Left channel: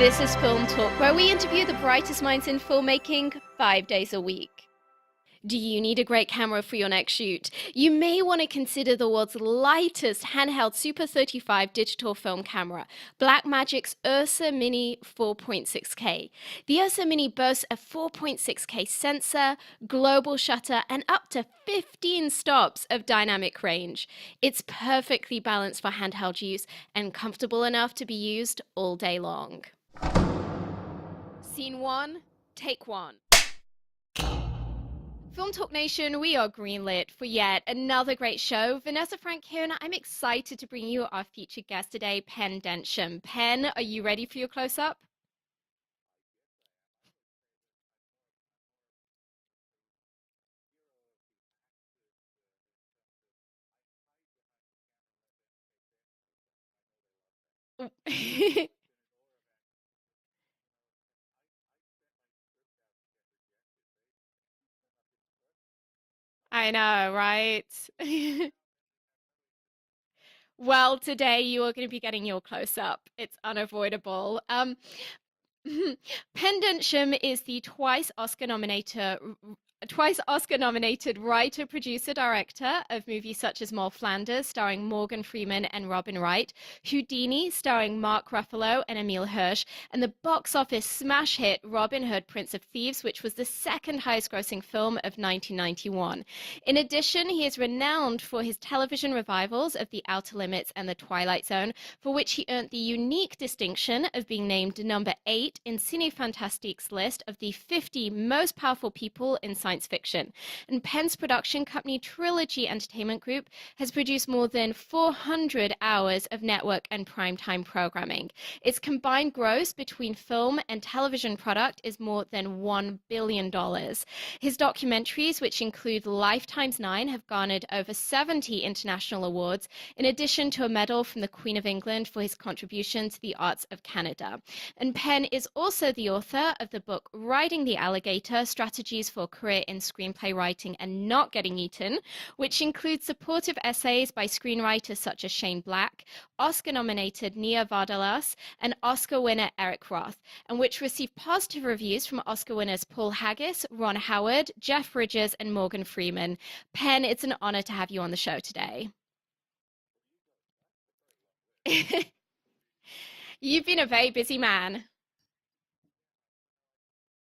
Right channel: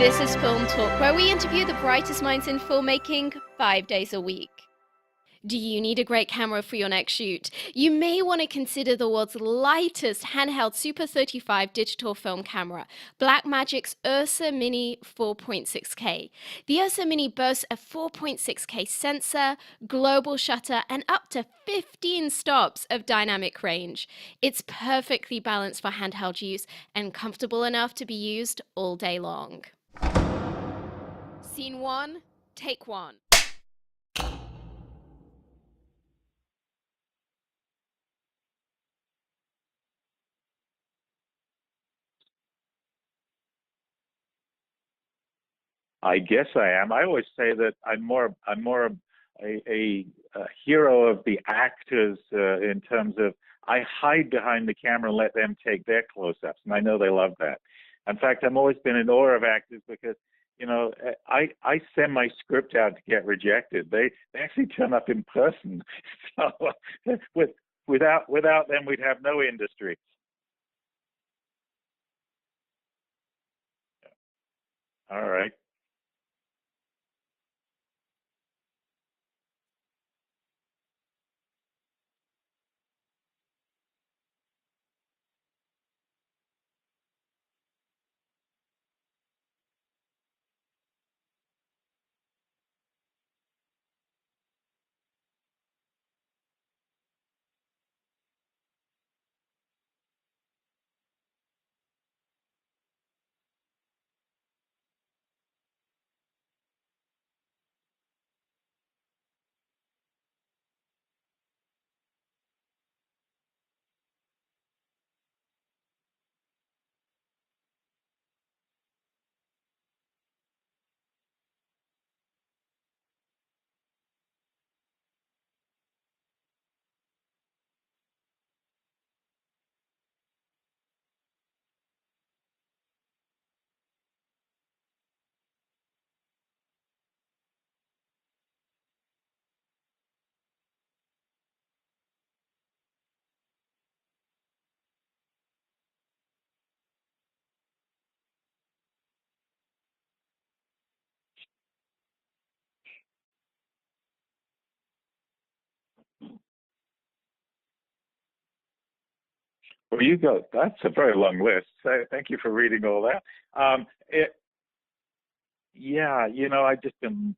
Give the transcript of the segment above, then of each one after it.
This is Film Talk, where we interview the brightest minds in filmmaking 5 days a week. Do you need a great camera for your next shoot? You may want to consider the world's lightest handheld Super 35 digital film camera, Blackmagic's Ursa Mini 4.6K. The Ursa Mini boasts a 4.6K sensor, global shutter, and up to 15 stops of dynamic range. It's perfectly balanced for handheld use and comfortable enough to be used all day long. Scene one, take one. Film Talk Nation, we are greenlit for yet another great show. Vanessa Frank here, and I'm excited to bring you our featured guest today, Pen Densham. Pen, are you ready for your close-up? I guess I am. I always say that I'm more a hero of the actors in terms of I hide behind the camera and let them take their close-ups, and I know they love that. In fact, I've always been in awe of actors because I send my script out to get rejected. They actually turn up in person. So, I know, right? without them, we'd have no industry. Well, today you are going to be getting your close-up. It's unavoidable. All right. Pen Densham is the twice Oscar-nominated writer, producer, director of movies such as Moll Flanders, starring Morgan Freeman and Robin Wright, Houdini, starring Mark Ruffalo and Emile Hirsch, and the box office smash hit Robin Hood, Prince of Thieves, which was the second highest-grossing film of 1991. In addition, he is renowned for his television revivals of The Outer Limits and The Twilight Zone, for which he earned the unique distinction of being named number 8 in Cine Fantastique's list of the 50 most powerful people in science fiction. And Penn's production company Trilogy Entertainment Group has produced more than 400 hours of network and primetime programming. Its combined gross between film and television product is more than $1 billion. His documentaries, which include Lifetime's 9, have garnered over 70 international awards, in addition to a medal from the Queen of England for his contribution to the arts of Canada. And Penn is also the author of the book Riding the Alligator, Strategies for a Career in Screenplay Writing and Not Getting Eaten, which includes supportive essays by screenwriters such as Shane Black, Oscar-nominated Nia Vardalos, and Oscar winner Eric Roth, and which received positive reviews from Oscar winners Paul Haggis, Ron Howard, Jeff Bridges, and Morgan Freeman. Penn, it's an honor to have you on the show today. Well, you go. That's a very long list. Thank you for reading all that. You've been a very busy man. Yeah, I've just been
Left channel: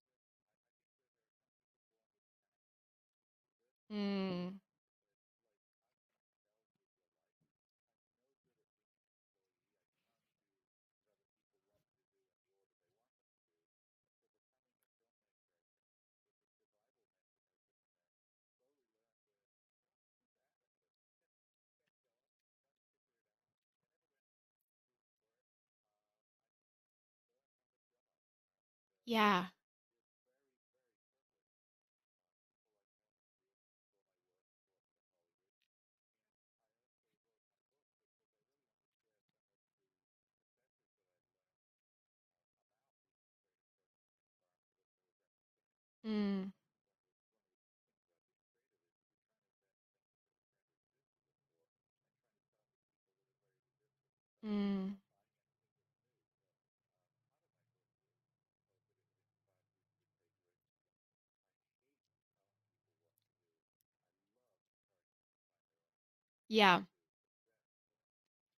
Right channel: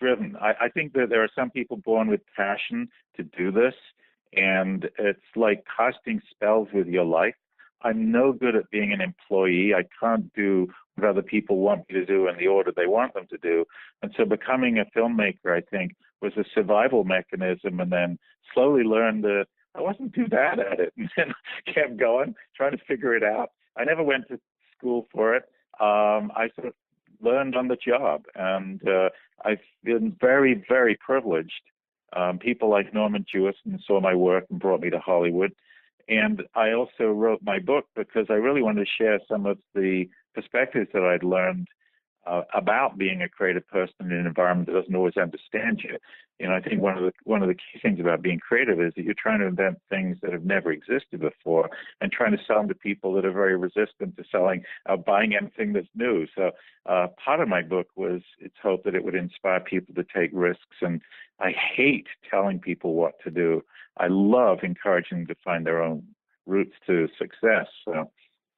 driven. I think that there are some people born with passion to do this, and it's like casting spells with your life. I'm no good at being an employee. I can't do what other people want me to do in the order they want them to do. And so becoming a filmmaker, I think, was a survival mechanism, and then slowly learned that I wasn't too bad at it, and then kept going, trying to figure it out. I never went to school for it. I sort of learned on the job, and I've been very, very privileged. People like Norman Jewison saw my work and brought me to Hollywood. And I also wrote my book because I really wanted to share some of the perspectives that I'd learned about being a creative person in an environment that doesn't always understand you. I think one of the key things about being creative is that you're trying to invent things that have never existed before, and trying to sell them to people that are very resistant to buying anything that's new. So part of my book was its hope that it would inspire people to take risks. And I hate telling people what to do. I love encouraging them to find their own route to success. So.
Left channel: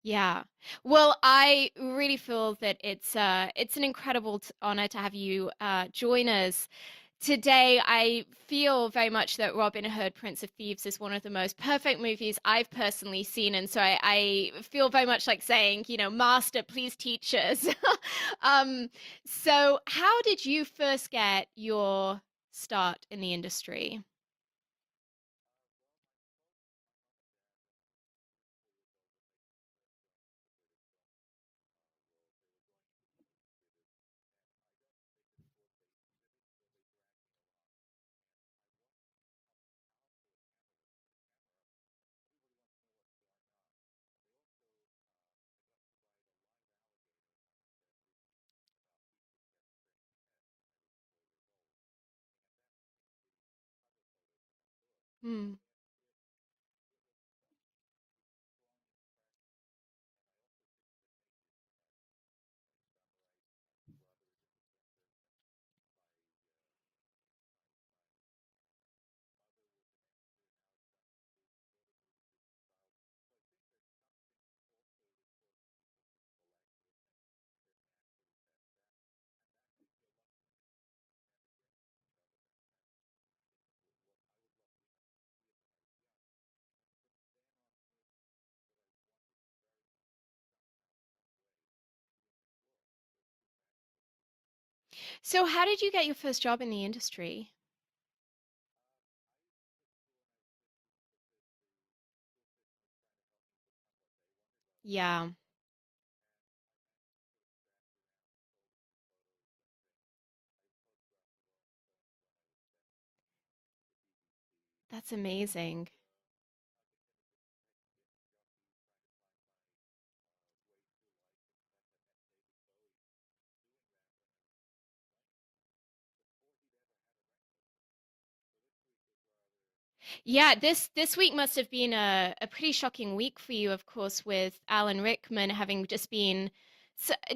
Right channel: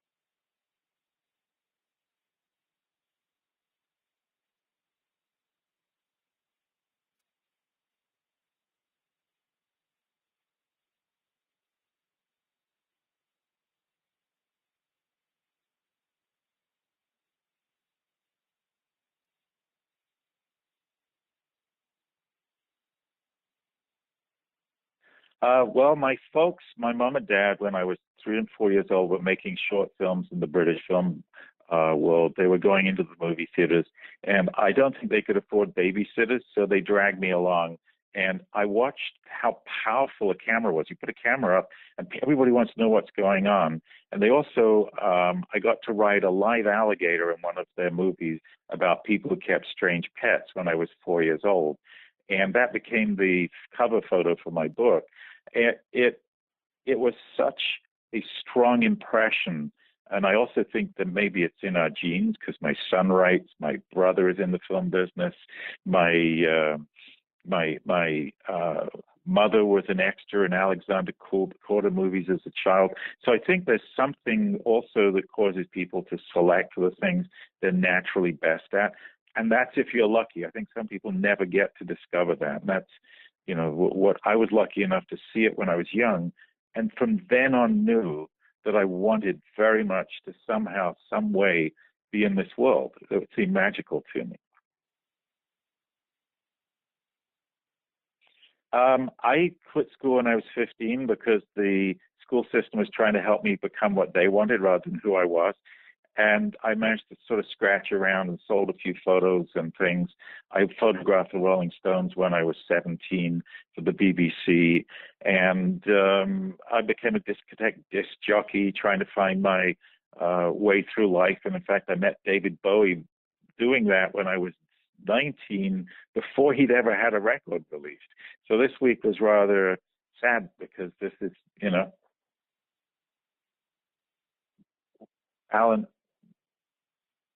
Yeah. Well, I really feel that it's an incredible honor to have you join us today. I feel very much that Robin Hood, Prince of Thieves is one of the most perfect movies I've personally seen. And so I feel very much like saying, Master, please teach us. So how did you first get your start in the industry? Well, my mom and dad, when I was 3 and 4 years old, were making short films in the British film world. They were going into the movie theaters, and I don't think they could afford babysitters, so they dragged me along. And I watched how powerful a camera was. You put a camera up, and everybody wants to know what's going on. And they also, I got to ride a live alligator in one of their movies about people who kept strange pets when I was 4 years old. And that became the cover photo for my book. It was such a strong impression And I also think that maybe it's in our genes because my son writes, my brother is in the film business, my mother was an extra in Alexander Korda movies as a child. So I think there's something also that causes people to select the things they're naturally best at. And that's if you're lucky. I think some people never get to discover that. And that's, what I was lucky enough to see it when I was young. And from then on knew that I wanted very much to somehow, some way be in this world. It seemed magical to me. So, how did you get your first job in the industry? I quit school when I was 15 because the school system was trying to help me become what they wanted rather than who I Yeah, was. And I managed to sort of scratch around and sold a few photos and things. I photographed the Rolling Stones when I was 17 for the BBC. that's And amazing. I became a discotheque disc jockey trying to find my way through life. And in fact, I met David Bowie doing that when I was 19 before he'd ever had a record released. So this week was rather sad Yeah, this because this this is, week must have been a pretty shocking week for you, of course, with Alan Rickman having Alan. just been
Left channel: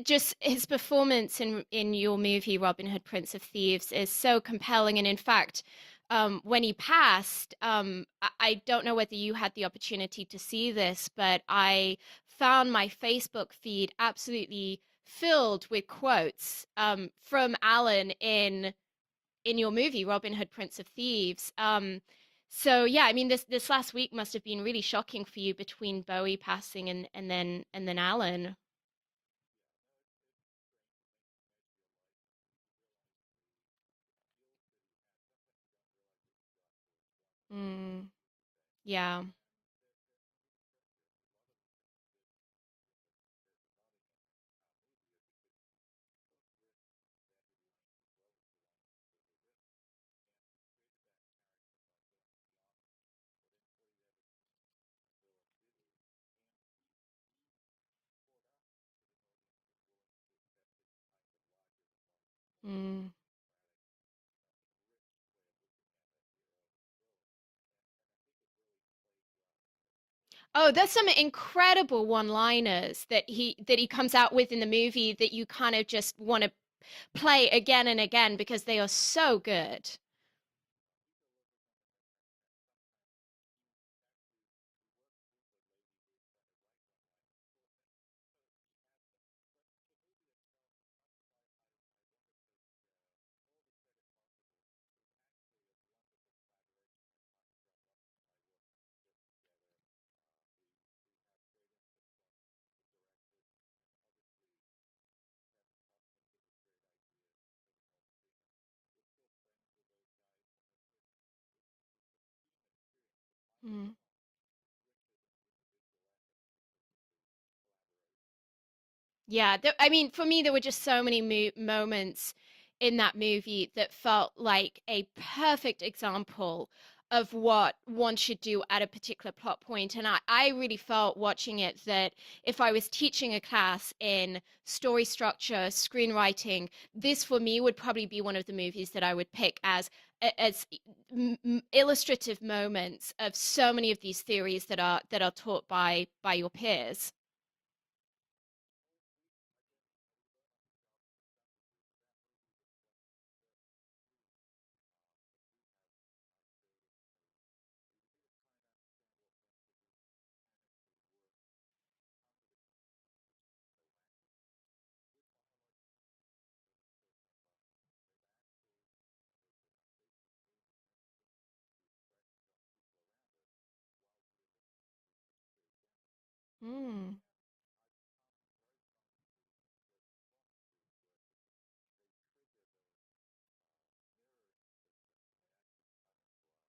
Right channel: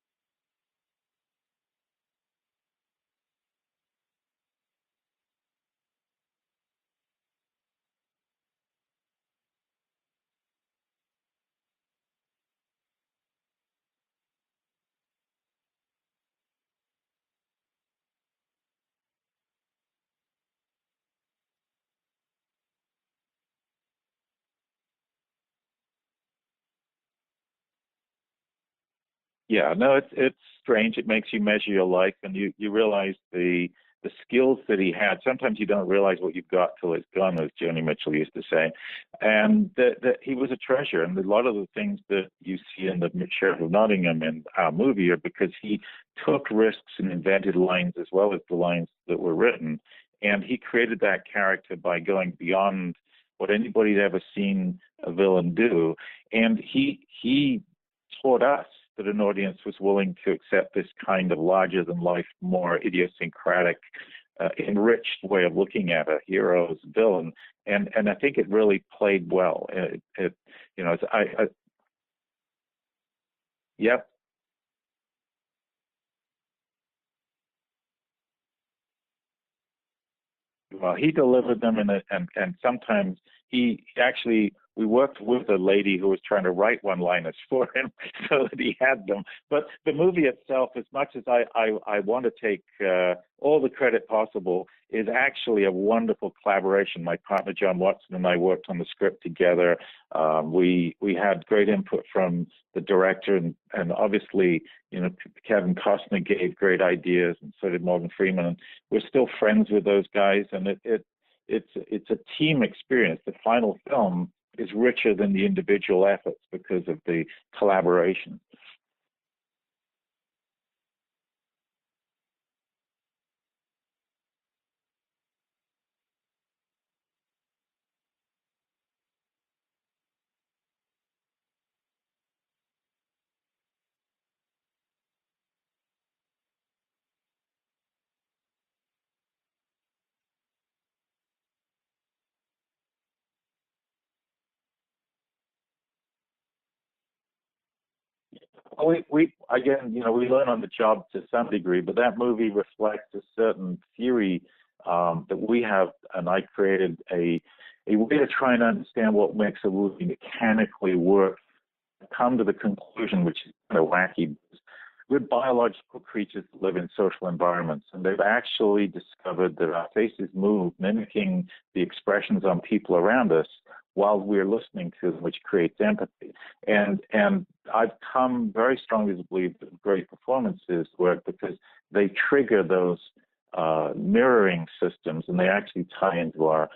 just his performance in your movie Robin Hood, Prince of Thieves is so compelling. And in fact, when he passed, I don't know whether you had the opportunity to see this, but I found my Facebook feed absolutely filled with quotes from Alan in your movie Robin Hood, Prince of Thieves. So yeah, I mean this last week must have been really shocking for you between Bowie passing and then Alan. Yeah, no, it's strange. It makes you measure your life, and you realize the skills that he had. Sometimes you don't realize what you've got till it's gone, as Joni Mm, Mitchell used to say. yeah. And that he was a treasure. And a lot of the things that you see in the Sheriff of Nottingham and our movie are because he took risks and invented lines as well as the lines that were written. And he created that character by going beyond what anybody'd ever seen a villain do. And he taught us that an audience was willing to accept this kind of larger than life, more Mm. idiosyncratic, enriched way of looking at a hero as a villain. And I think it really played well. Oh, there's some I incredible one-liners that he yep. comes out with in the movie that you kind of just want to play again and again because they are so good. Well, he delivered them, and sometimes he actually we worked with a lady who was trying to write one-liners for him so that he had them. But the movie itself, as much as I want to take all the credit possible, is actually a wonderful collaboration. My partner John Watson and I worked on the script together. We had great input from the director, and obviously, Kevin Costner gave great ideas, and so did Morgan Freeman. And we're still friends with those guys, and it's a team experience. The final Mm. film is richer than the individual efforts because of the collaboration. Yeah, I mean, for me, there were just so many moments in that movie that felt like a perfect example of what one should do at a particular plot point. And I really felt watching it that if I was teaching a class in story structure, screenwriting, this for me would probably be one of the movies that I would pick as illustrative moments of so many of these theories that are taught by your peers. We again, we learn on the job to some degree, but that movie reflects a certain theory that we have, and I created a way to try and understand what makes a movie mechanically work. Come to the conclusion, which is kind of wacky. We're biological creatures that live in social environments, and they've actually discovered that our faces move, mimicking the expressions on people around us while we're listening to them, which creates empathy. And Mm. and I've come very strongly to believe that great performances work because they trigger those mirroring systems, and they actually tie into our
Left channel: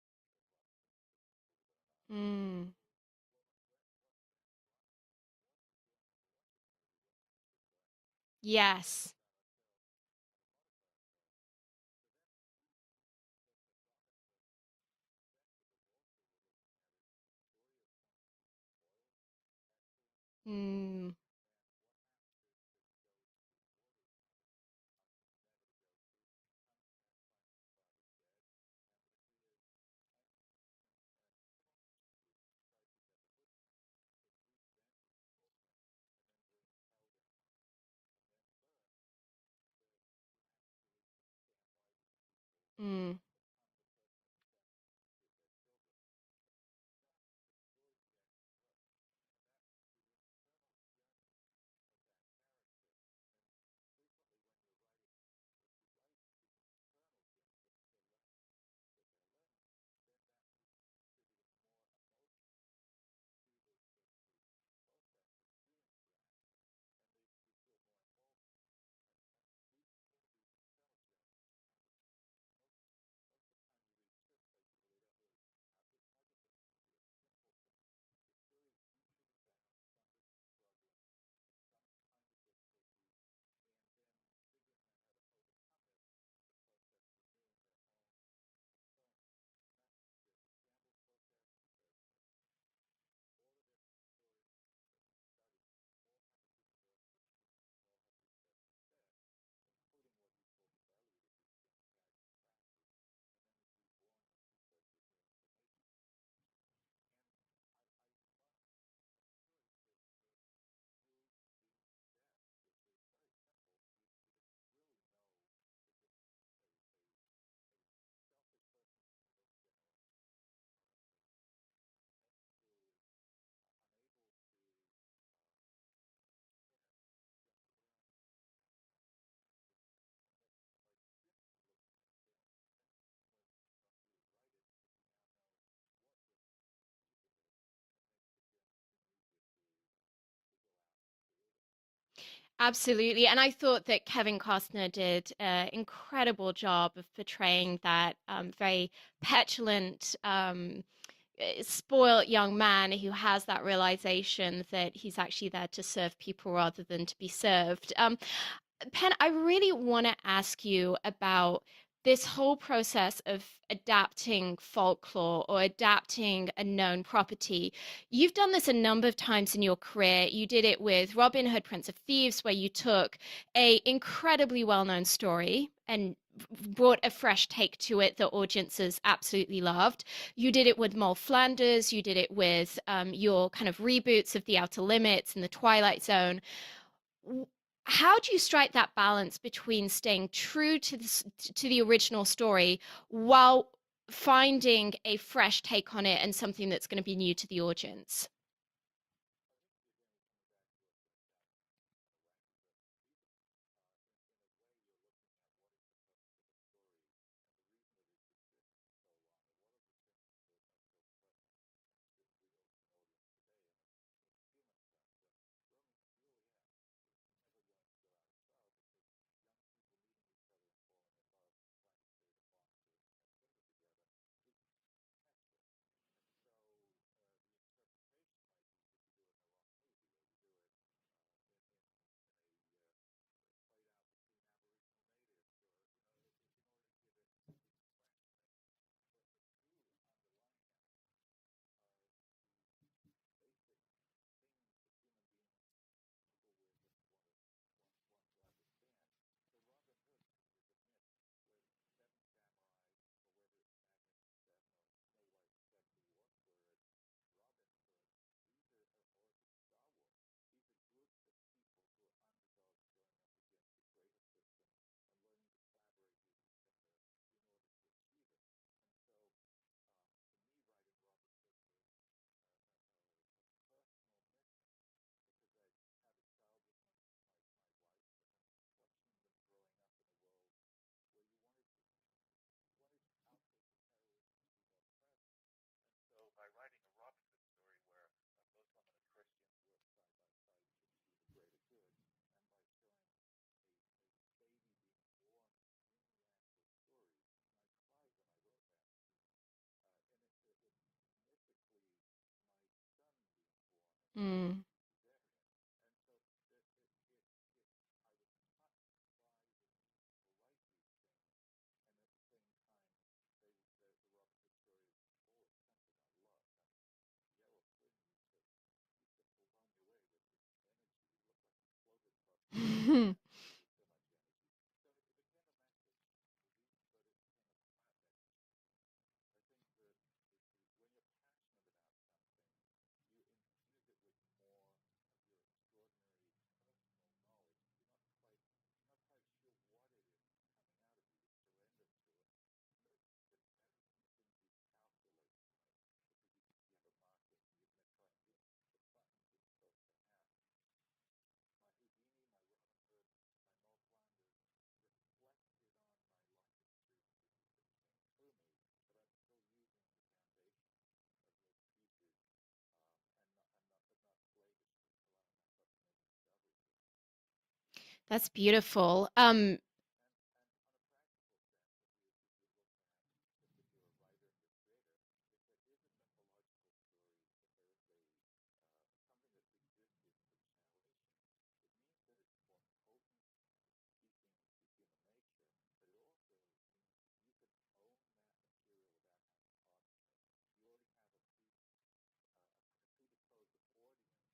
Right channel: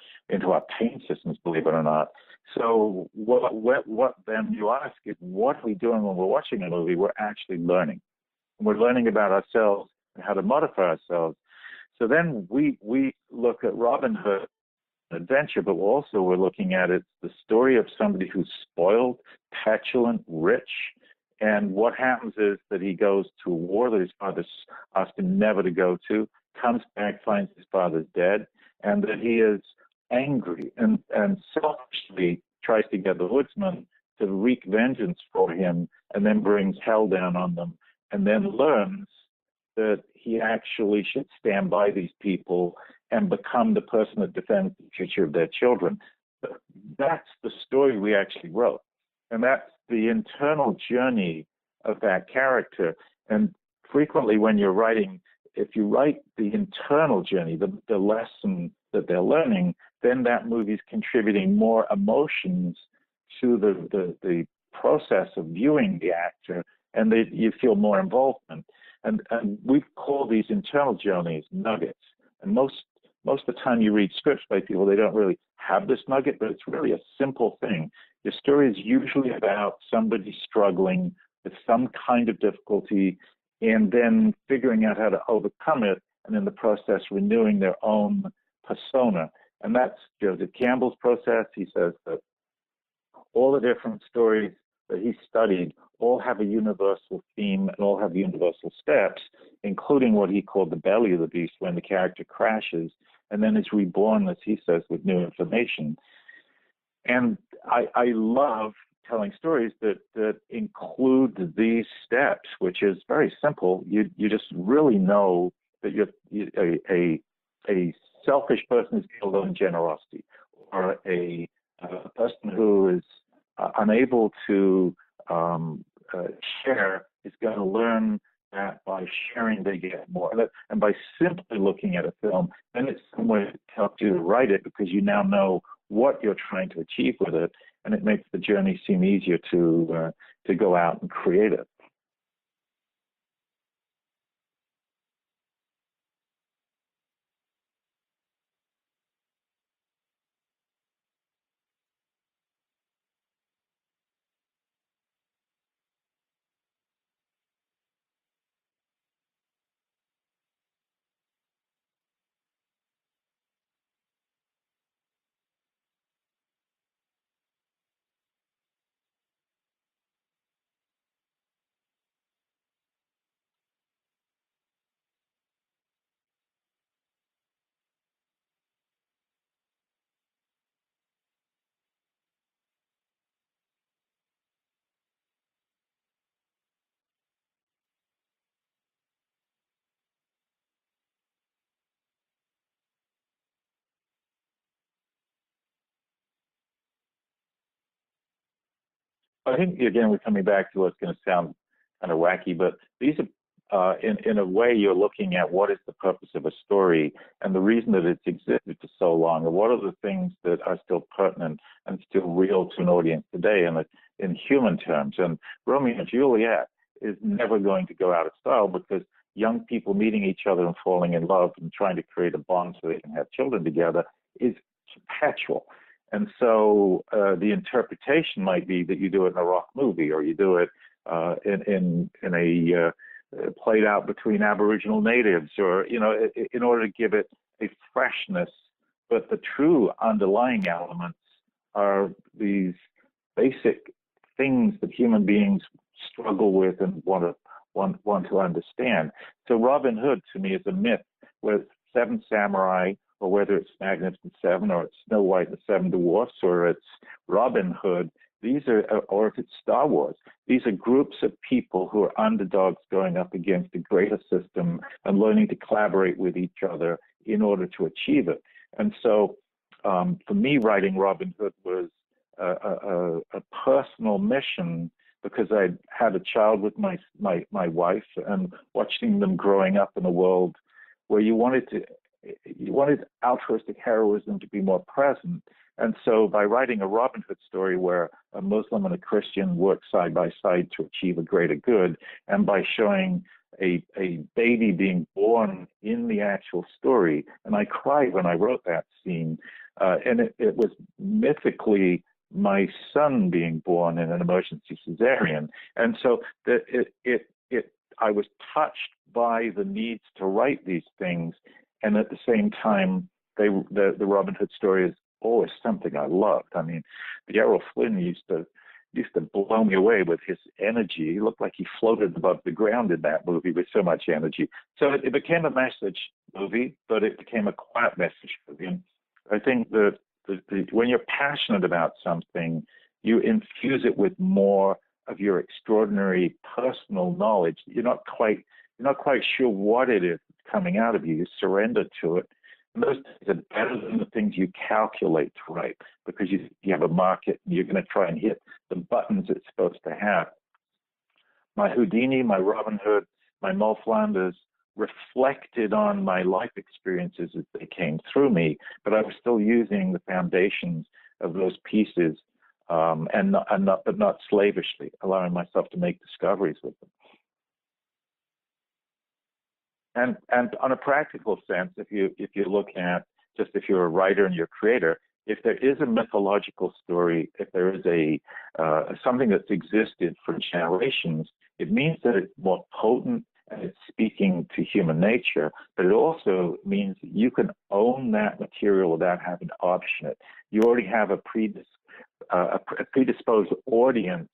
pain systems, believe it or not. Mm. So what then you ask is, what are we doing when we're watching a movie? We're actually learning. We're learning Yes. about ourselves and how to modify ourselves. So then we look at Robin Hood adventure, but also we're looking at it the story of somebody who's spoiled, petulant, rich, Mm. and what happens is that he goes to a war that his father asked him never to go to, comes back, finds his father's dead, and that he is angry and selfishly tries to get the woodsman to wreak vengeance for him, and then brings hell down on them, and then learns that he actually should stand by these people and become the person that defends the future of their children. That's the story we actually wrote. And that's the internal journey of that character. And frequently when you're writing, if you write the internal journey, the lesson that they're learning, then that movie's contributing more emotions to the process of viewing the actor, and you feel more involvement. And we call these internal journeys nuggets. And most of the time you read scripts by people, they don't really have this nugget, but it's really a simple thing. Your story is usually about somebody struggling with some kind of difficulty and then figuring out how to overcome it, and in the process renewing their own persona. And that's Joseph Campbell's process. He says that all the different stories that he studied all have a universal theme and all have universal steps, including what he called the belly of the beast, when the character crashes and then is reborn, as he says, with new information. And I love telling stories that include these steps, which is very simple. You just really know that a selfish person is going to learn generosity, or a person who is unable to share is going to learn that by sharing they get more. And by simply looking at a film, then it's some way to help you to write it, because you now know what you're trying to achieve with it, and it makes the journey seem easier to go out and create it. Absolutely. And I thought that Kevin Costner did an incredible job of portraying that very petulant, spoiled young man who has that realization that he's actually there to serve people rather than to be served. Pen, I really want to ask you about this whole process of adapting folklore or adapting a known property. You've done this a number of times in your career. You did it with Robin Hood, Prince of Thieves, where you took a incredibly well-known story and brought a fresh take to it that audiences absolutely loved. You did it with Moll Flanders. You did it with your kind of reboots of The Outer Limits and The Twilight Zone. How do you strike that balance between staying true to the original story while finding a fresh take on it and something that's going to be new to the audience? I think, again, we're coming back to what's going to sound kind of wacky, but these are, in a way, you're looking at what is the purpose of a story and the reason that it's existed for so long, and what are the things that are still pertinent and still real to an audience today, and in human terms. And Romeo and Juliet is never going to go out of style, because young people meeting each other and falling in love and trying to create a bond so they can have children together is perpetual. And so the interpretation might be that you do it in a rock movie, or you do it in a played out between Aboriginal natives, or in order to give it a freshness. But the true underlying elements are these basic things that human beings struggle with and want to understand. So Robin Hood, to me, is a myth, whether it's Seven Samurai, or whether it's Magnificent Seven, or it's Snow White and the Seven Dwarfs, or it's Robin Hood. Or if it's Star Wars, these are groups of people who are underdogs going up against a greater system and learning to collaborate with each other in order to achieve it. And so, for me, writing Robin Hood was a personal mission, because I had a child with my wife, and watching them growing up in a world where you wanted altruistic heroism to be more present. And so by writing a Robin Hood story where a Muslim and a Christian work side by side to achieve a greater good, and by showing a baby being born in the actual story, and I cried when I wrote that scene, and it was mythically my son being born in an emergency cesarean. And so I was touched by the needs to write these things, and at the same time, the Robin Hood story is always something I loved. I mean, Errol Flynn used to blow me away with his energy. He looked like he floated above the ground in that movie with so much energy. So it became a message movie, but it became a quiet message movie. And I think that when you're passionate about something, you infuse it with more of your extraordinary personal knowledge. You're not quite sure what it is coming out of you. You surrender to it. And those things are better than the things you calculate to write, because you have a market and you're going to try and hit the buttons it's supposed to have. My Houdini, my Robin Hood, my Moll Flanders reflected on my life experiences as they came through me, but I was still using the foundations of those pieces, but not slavishly, allowing myself to make discoveries with them. That's beautiful. And on a practical sense, if you look at, just if you're a writer and you're a creator, if there is a mythological story, if there is a something that's existed for generations, it means that it's more potent and it's speaking to human nature. But it also means that you can own that material without having to option it. You already have a predisposed audience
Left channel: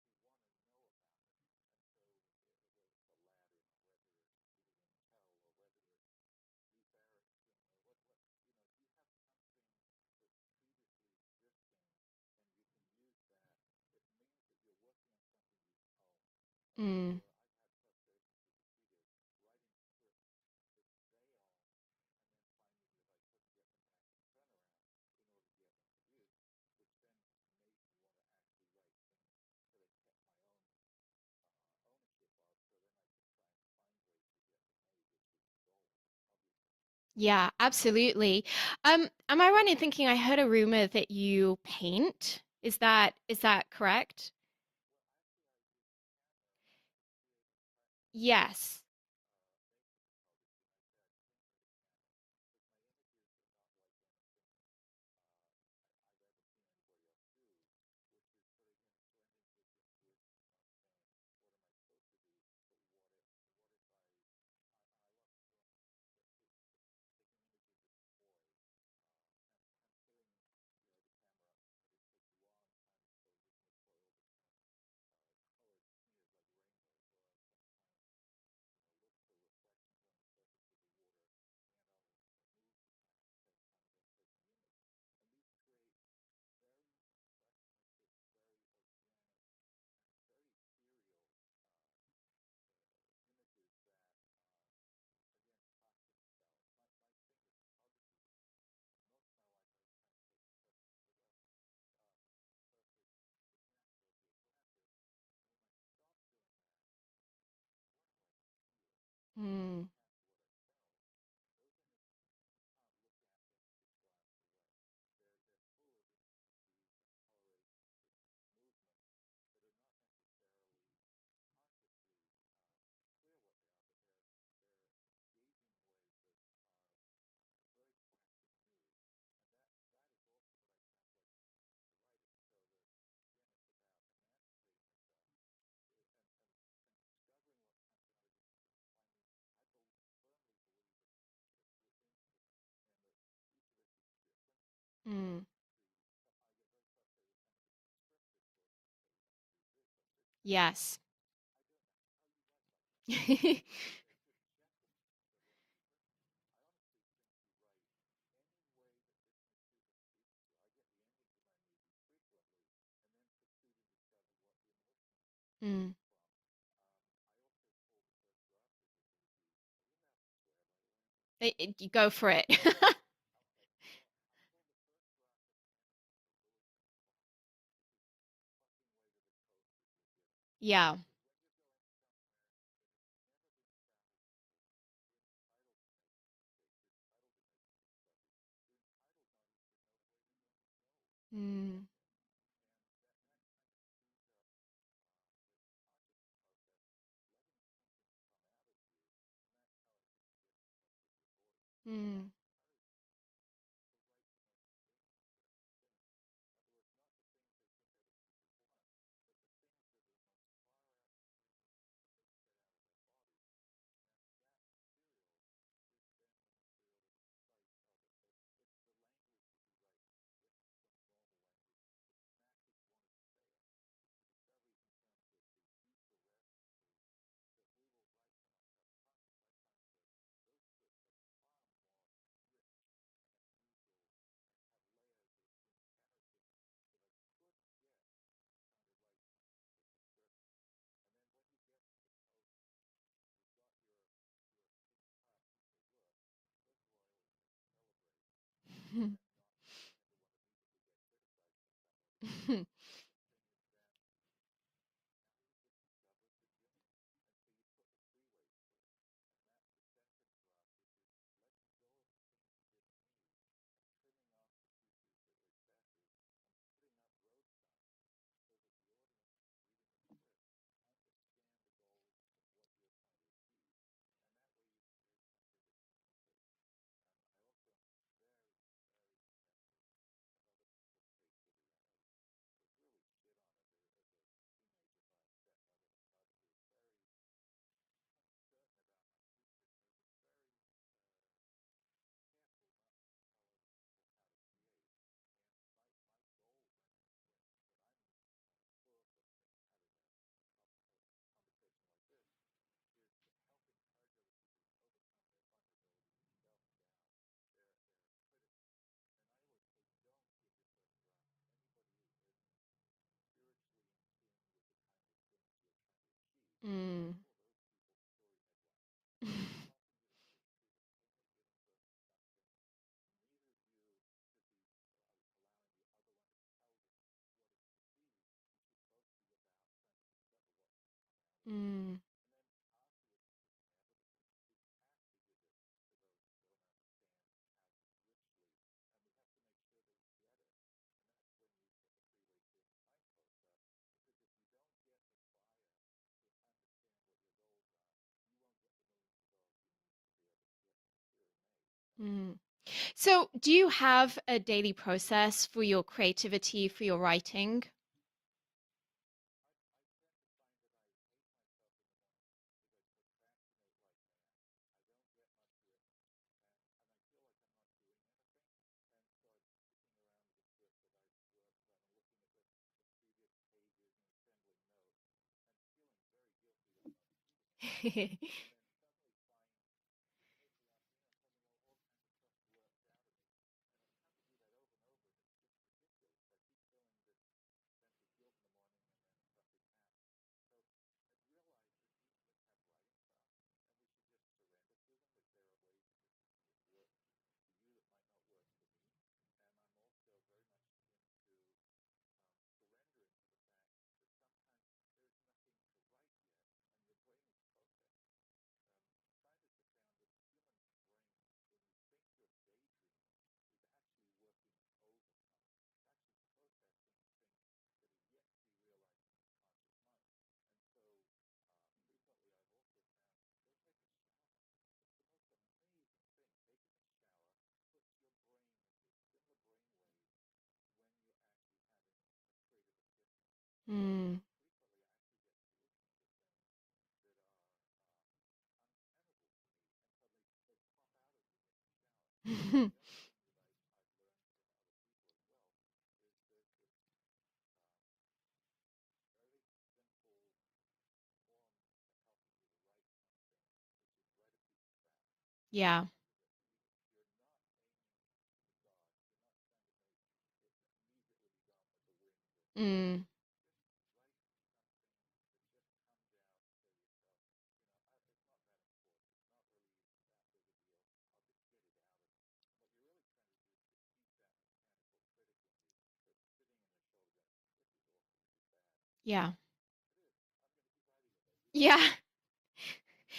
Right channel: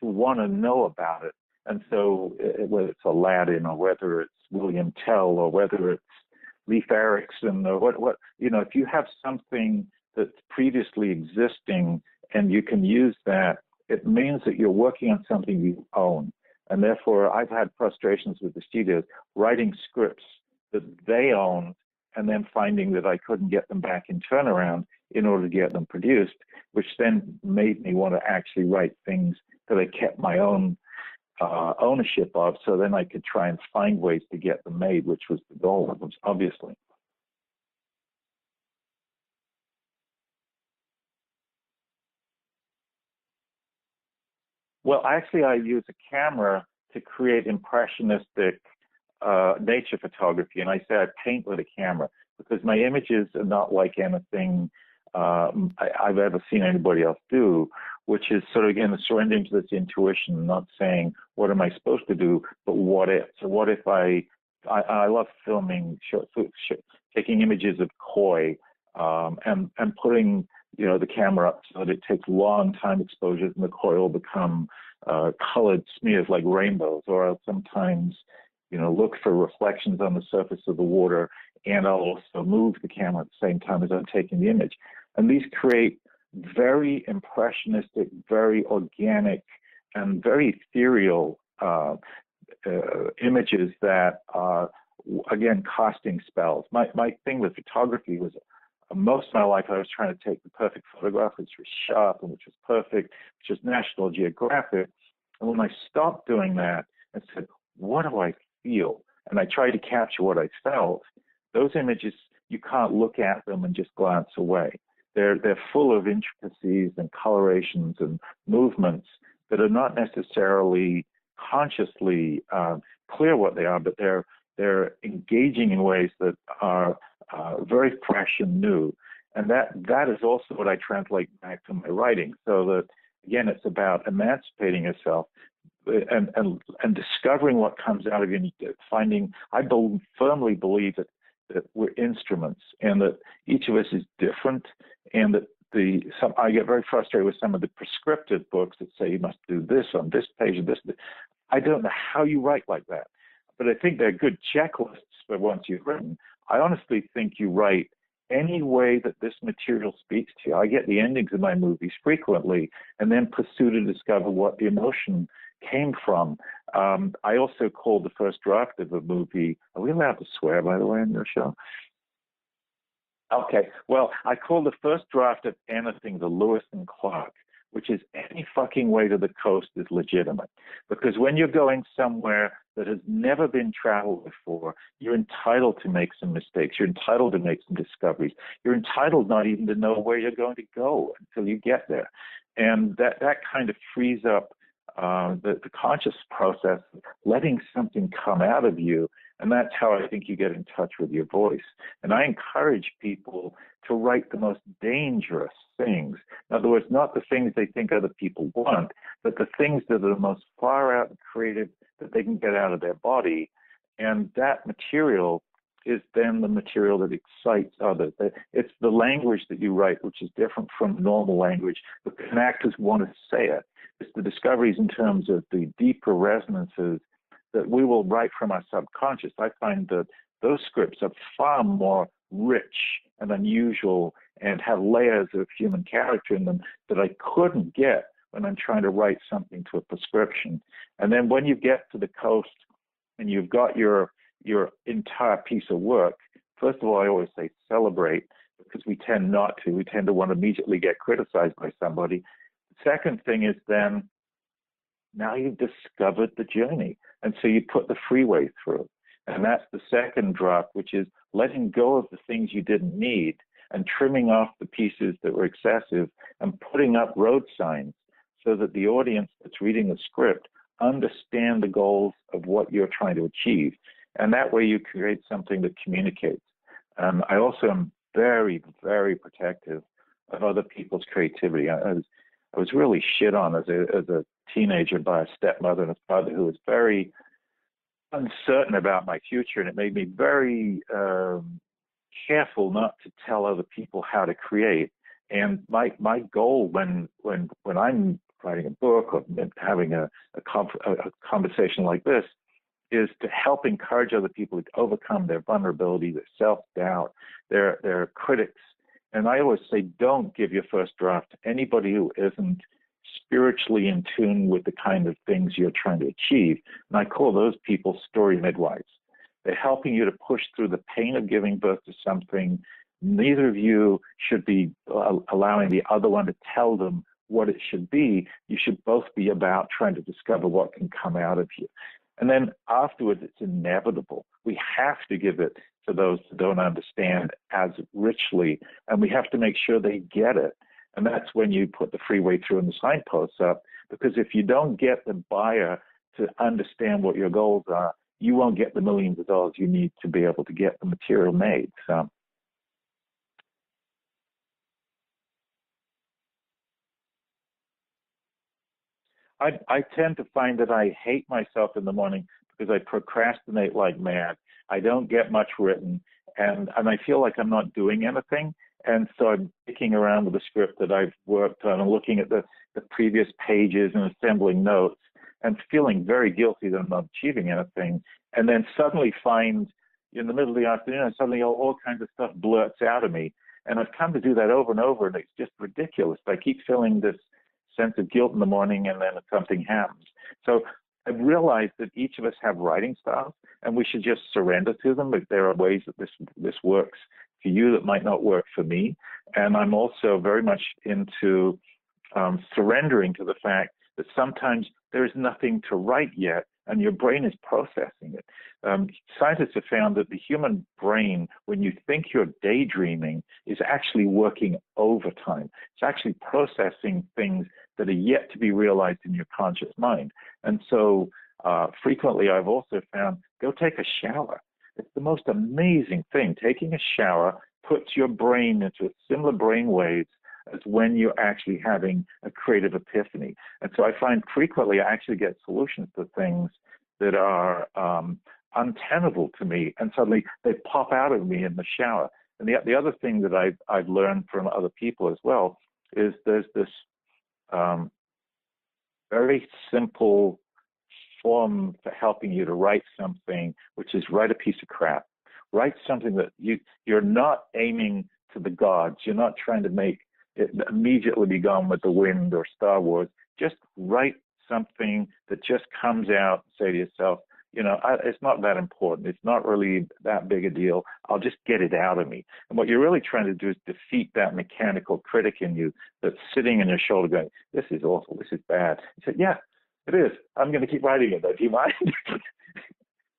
to want to know about it. And so, whether it's Aladdin or whether it's William Tell or whether it's Leif Erikson or what if you have something that's previously existing and you can use that, it means that you're working on something you own. And therefore, I've had frustrations with the studios writing scripts that they owned and then finding that I couldn't get them back in turnaround in order to get them produced, which then made me want to actually write things that I kept my own ownership of, so then I could try and find ways to get them made, which was the goal of them, obviously. Yeah, absolutely. Am I right in thinking I heard a rumor that you paint? Is that correct? Well, actually, I use a camera to create impressionistic Yes. nature photography, and I say I paint with a camera because my images are not like anything I've ever seen anybody else do, which is sort of, again, surrendering to this intuition, not saying, what am I supposed to do, but what if? So what if I love filming, taking images of koi, and putting, the camera up so that it takes long time exposures and the koi will become colored smears like rainbows, or I'll sometimes, look for reflections on the surface of the water, and I'll also move the camera at the same time as I'm taking the image. And these create very impressionistic, very organic, and very ethereal images that are, again, casting spells. My thing with photography was, most of my life I was trying to take the perfect photograph, which was sharp and which was perfect, which was National Geographic. And when I stopped doing that and said, what do I feel? And I tried to capture what I felt, those images, you can't look at them and just glance away. They're full of intricacies and colorations and movements that are not necessarily consciously clear what they are, but they're engaging in ways that are very fresh and new. And that is also what I translate back to my writing. So that, again, it's about emancipating yourself and discovering what comes out of you, and finding. I firmly believe that we're instruments, and that each of us is different, and that I get very frustrated with some of the prescriptive books that say you must do this on this page. Yes. This. I don't know how you write like that, but I think they're good checklists for once you've written. I honestly think you write any way that this material speaks to you. I get the endings of my movies frequently and then pursue to discover what the emotion came from. I also call the first draft of a movie. Are we allowed to swear, by the way, on your show? Go for it. Okay. Well, I call the first draft of anything the Lewis and Clark, which is any fucking way to the coast is legitimate. Yeah. Because when you're going somewhere that has never been traveled before, you're entitled to make some mistakes. You're entitled to make some discoveries. You're entitled not even to know where you're going to go until you get there. And that kind of frees up the conscious process, letting something come out of you. And that's how I think you get in touch with your voice. And I encourage people to write the most dangerous things. In other words, not the things they think other people want, but the things that are the most far out and creative that they can get out of their body. And that material is then the material that excites others. It's the language that you write, which is different from normal language, but can actors want to say it. It's the discoveries in terms of the deeper resonances that we will write from our subconscious. I find that those scripts are far more rich and unusual and have layers of human character in them that I couldn't get when I'm trying to write something to a prescription. And then when you get to the coast and you've got your entire piece of work, first of all, I always say celebrate because we tend not to. We tend to want to immediately get criticized by somebody. Second thing is then now you've discovered the journey. And so you put the freeway through. And that's the second draft, which is letting go of the things you didn't need and trimming off the pieces that were excessive and putting up road signs so that the audience that's reading the script understand the goals of what you're trying to achieve. And that way you create something that communicates. I also am very, very protective of other people's creativity. I was really shit on as a teenager by a stepmother and a father who was very uncertain about my future, and it made me very careful not to tell other people how to create. And my goal when I'm writing a book or having a conversation like this is to help encourage other people to overcome their vulnerability, their self-doubt, their critics. And I always say, don't give your first draft to anybody who isn't spiritually in tune with the kind of things you're trying to achieve. And I call those people story midwives. They're helping you to push through the pain of giving birth to something. Neither of you should be allowing the other one to tell them what it should be. You should both be about trying to discover what can come out of you. And then afterwards, it's inevitable. We have to give it to those who don't understand as richly, and we have to make sure they get it. And that's when you put the freeway through and the signposts up, because if you don't get the buyer to understand what your goals are, you won't get the millions of dollars you need to be able to get the material made. So do you have a daily process for your creativity, for your writing? I tend to find that I hate myself in the morning because I procrastinate like mad. I don't get much written, and I feel like I'm not doing anything. And so I'm picking around with the script that I've worked on and looking at the previous pages and assembling notes and feeling very guilty that I'm not achieving anything. And then suddenly find in the middle of the afternoon, suddenly all kinds of stuff blurts out of me. And I've come to do that over and over, and it's just ridiculous. I keep feeling this sense of guilt in the morning, and then something happens. So I've realized that each of us have writing styles, and we should just surrender to them. If there are ways that this works for you that might not work for me. And I'm also very much into surrendering to the fact that sometimes there is nothing to write yet, and your brain is processing it. Scientists have found that the human brain, when you think you're daydreaming, is actually working overtime. It's actually processing things that are yet to be realized in your conscious mind. And so frequently I've also found, go take a shower. It's the most amazing thing. Taking a shower puts your brain into similar brain waves as when you're actually having a creative epiphany. And so I find frequently I actually get solutions to things that are untenable to me, and suddenly they pop out of me in the shower. And the other thing that I've learned from other people as well is there's this very simple form for helping you to write something, which is write a piece of crap. Write something that you're not aiming to the gods. You're not trying to make it immediately be gone with the wind or Star Wars. Just write something that just comes out and say to yourself, it's not that important. It's not really that big a deal. I'll just get it out of me. And what you're really trying to do is defeat that mechanical critic in you that's sitting on your shoulder going, this is awful. This is bad. You said, yeah, it is. I'm going to keep writing it, though. Do you mind? Yeah.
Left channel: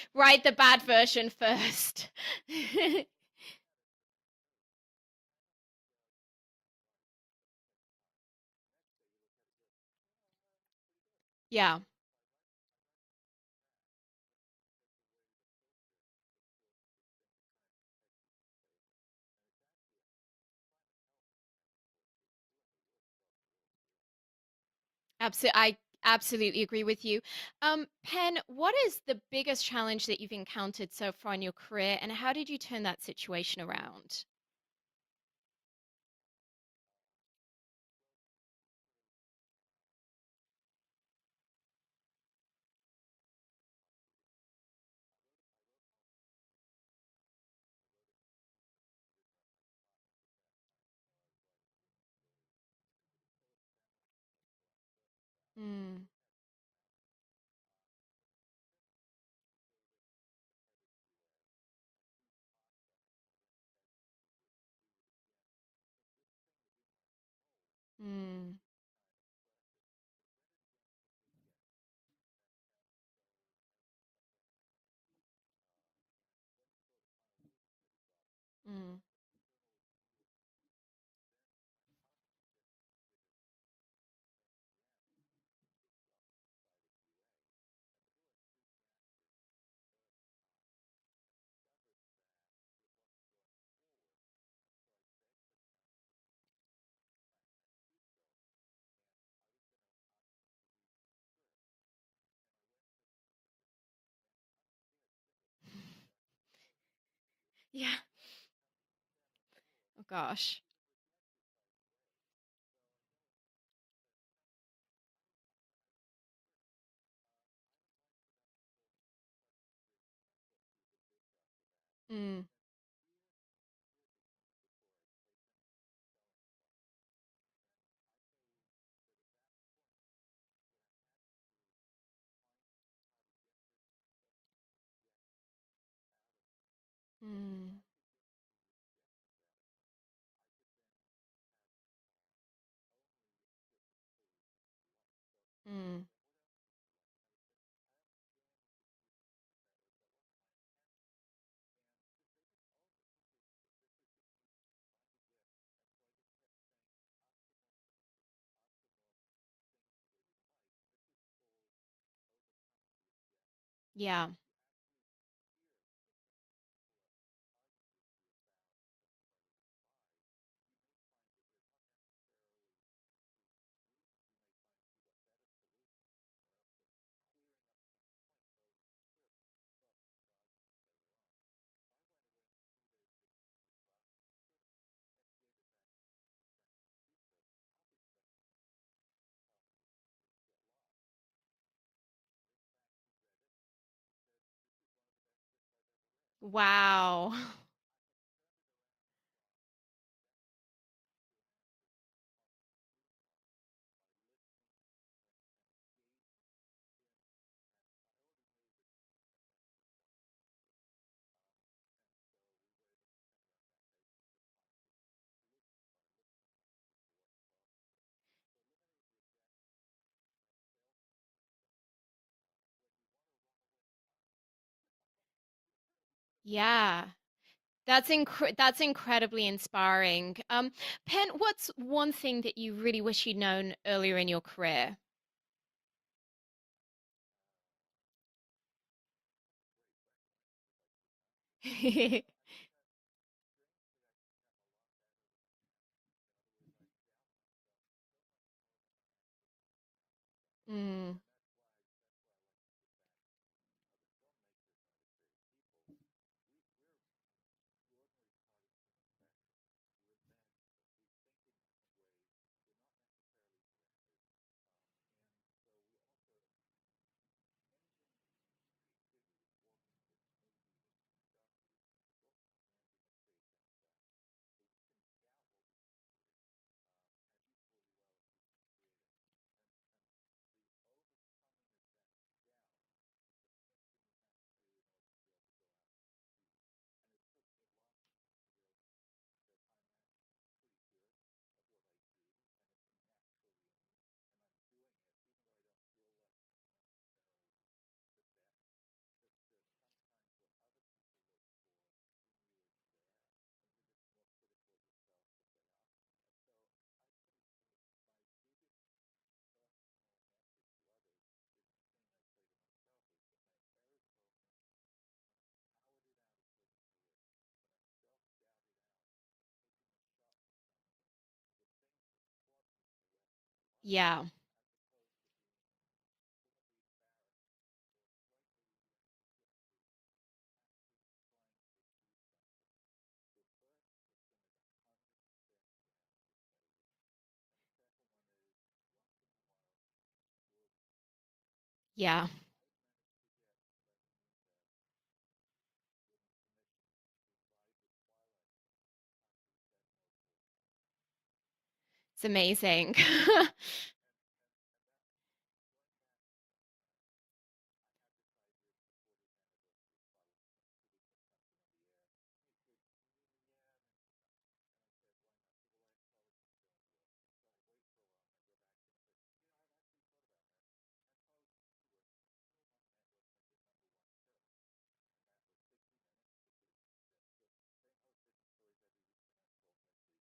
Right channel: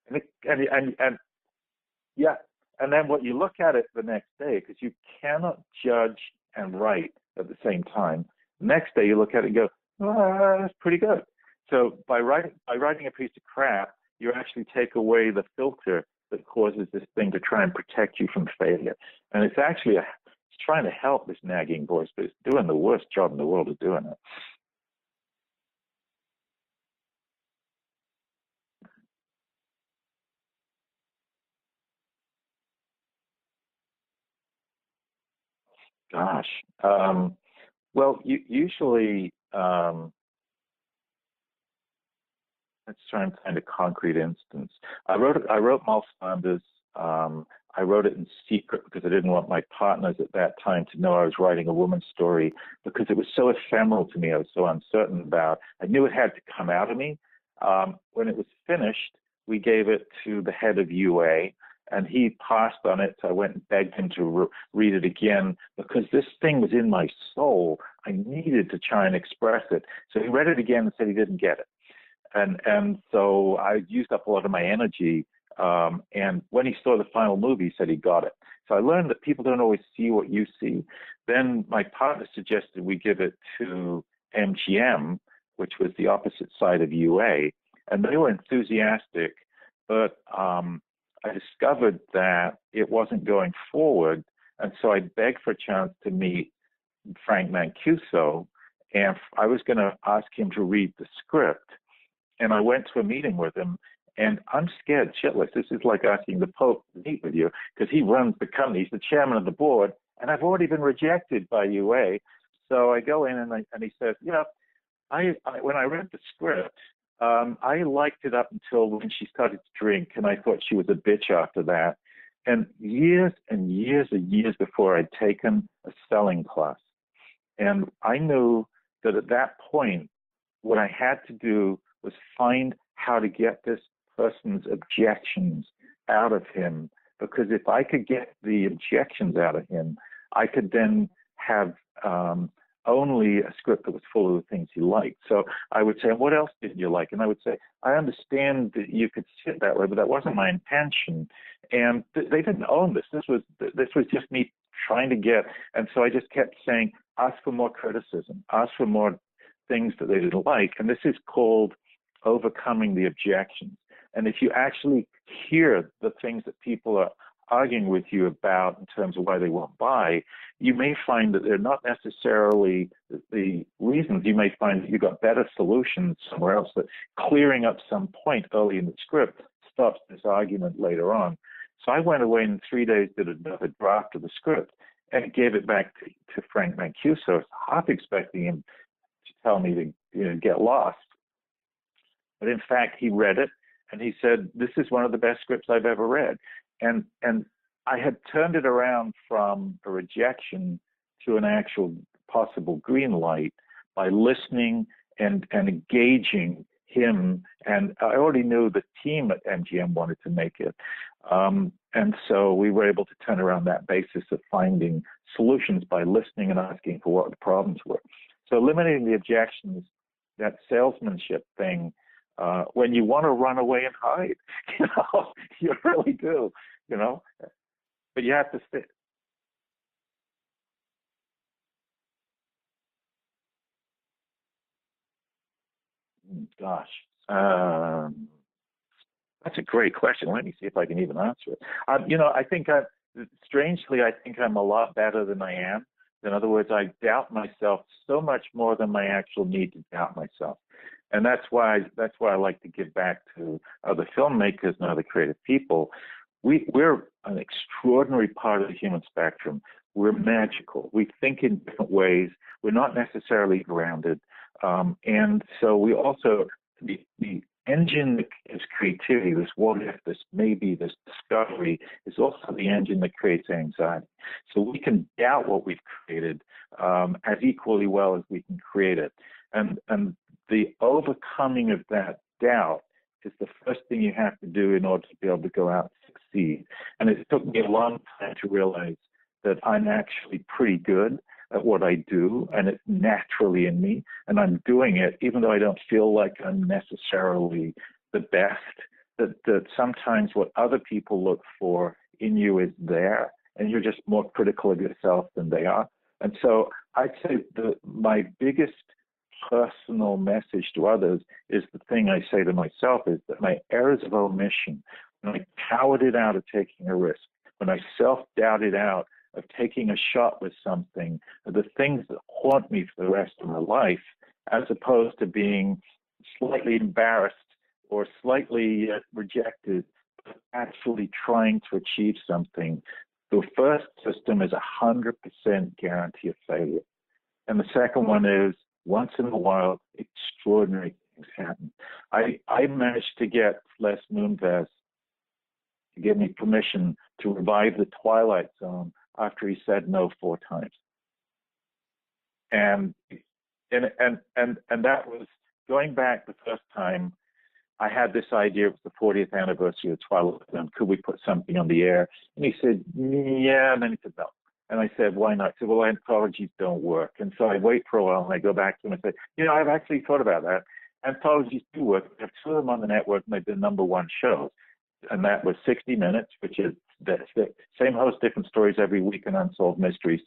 Write the bad version first. Yeah. And then what you look at it the next day, because you cannot judge and write at the same time. Next day you look at it and go, that's pretty good. Yeah. So by writing a piece of crap, you actually take away the filter that causes this thing to try and protect you from failure. And it's actually it's trying to help this nagging voice, but it's doing the worst job in the world of doing it. Absolutely. I absolutely agree with you. Pen, what is the biggest challenge that you've encountered so far in your career, and how did you turn that situation around? Gosh. Well, usually let's try and find a concrete instance. I wrote Mal Flanders. I wrote it in secret because I didn't want my partners at that time to know I was writing a woman's story because it was so ephemeral to me. I was so uncertain about. I knew it had to come out of me. When it was finished, we gave it to the head of UA, and he passed on it. So I went and begged him to read it again because this thing was in my soul. I needed to try and express it. So he read it again and said he didn't get it. And so I used up a lot of my energy. And when he saw the final movie, he said he got it. So I learned that people don't always see what you see. Then my partner suggested we give it to MGM, which was the opposite side of UA, and they were enthusiastic. But I discovered that it wasn't going forward, and so I begged for a chance to meet Frank Mancuso, and I was going to ask him to read the script. And I went to a meeting with him, and I'm scared shitless. This is like asking the Pope to meet with you because he runs the company. He's the chairman of the board, and I've already been rejected by UA. So I go in, and he says, when I read the script, I liked it up until when she started to drink, and I thought she was a bitch after that. And years and years and years before, I'd taken a selling class, and I knew that at that point, what I had to do was find how to get this person's objections out of him. Because if I could get the objections out of him, I could then have only a script that was full of the things he liked. So I would say, what else didn't you like? And I would say, I understand that you could see it that way, but that wasn't my intention. And they didn't own this. This was just me trying to get. And so I just kept saying, ask for more criticism, ask for more things that they didn't like. And this is called overcoming the objections. Yeah. And if you actually hear the things that people are arguing with you about in terms of why they won't buy, you may find that they're not necessarily the reasons. You may find that you've got better solutions somewhere else, that clearing up some point early in the script stops this argument later on. So I went away in 3 days, did another draft of the script, and gave it back to Frank Mancuso, half expecting him to tell me to get lost. But in fact, he read it, and he said, this is one of the best scripts I've ever read. Wow. And I had turned it around from a rejection to an actual possible green light by listening and engaging him. And I already knew the team at MGM wanted to make it. And so we were able to turn around that basis of finding solutions by listening and asking for what the problems were. So eliminating the objections, that salesmanship thing, when you want to run away and hide, you really do. Yeah. That's incredibly inspiring. Pen, what's one thing that you really wish you'd known earlier in your career? Gosh, that's a great question. Let me see if I can even answer it. I think strangely, I think I'm a lot better than I am. In other words, I doubt myself so much more than my actual need to doubt myself. And that's why I like to give back to other filmmakers and other creative people. We're an extraordinary part of the human spectrum. We're magical. We think in different ways. We're not necessarily grounded. And so we also, the engine that is creativity, this what if, this maybe, this discovery, is also the engine that creates anxiety. So we can doubt what we've created as equally well as we can create it. And the overcoming of that doubt is the first thing you have to do in order to be able to go out and succeed. And it took me a long time to realize that I'm actually pretty good at what I do, and it's naturally in me, and I'm doing it even though I don't feel like I'm necessarily the best, that sometimes what other people look for in you is there, and you're just more critical of yourself than they are. And so I'd say my biggest personal message to others is the thing I say to myself, is that my errors of omission, when I cowered it out of taking a risk, when I self-doubted out of taking a shot with something, the things that haunt me for the rest of my life, as opposed to being slightly embarrassed or slightly rejected, but actually trying to achieve something. The first system is 100% guarantee of failure. And the second one is, once in a while, extraordinary things things happen. Yeah. I managed to get Les Moonves to give me permission to revive the Twilight Zone after he said no 4 times. It's amazing. And and that was going back the first time. I had this idea. It was the 40th anniversary of Twilight Zone. Could we put something on the air? And he said, yeah. And then he said, no. And I said, why not? He said, well, anthologies don't work. And so I wait for a while and I go back to him and say, I've actually thought about that. Anthologies do work. We have 2 of them on the network and they've been #1 shows. And that was 60 Minutes, which is the same host, different stories every week, and Unsolved Mysteries.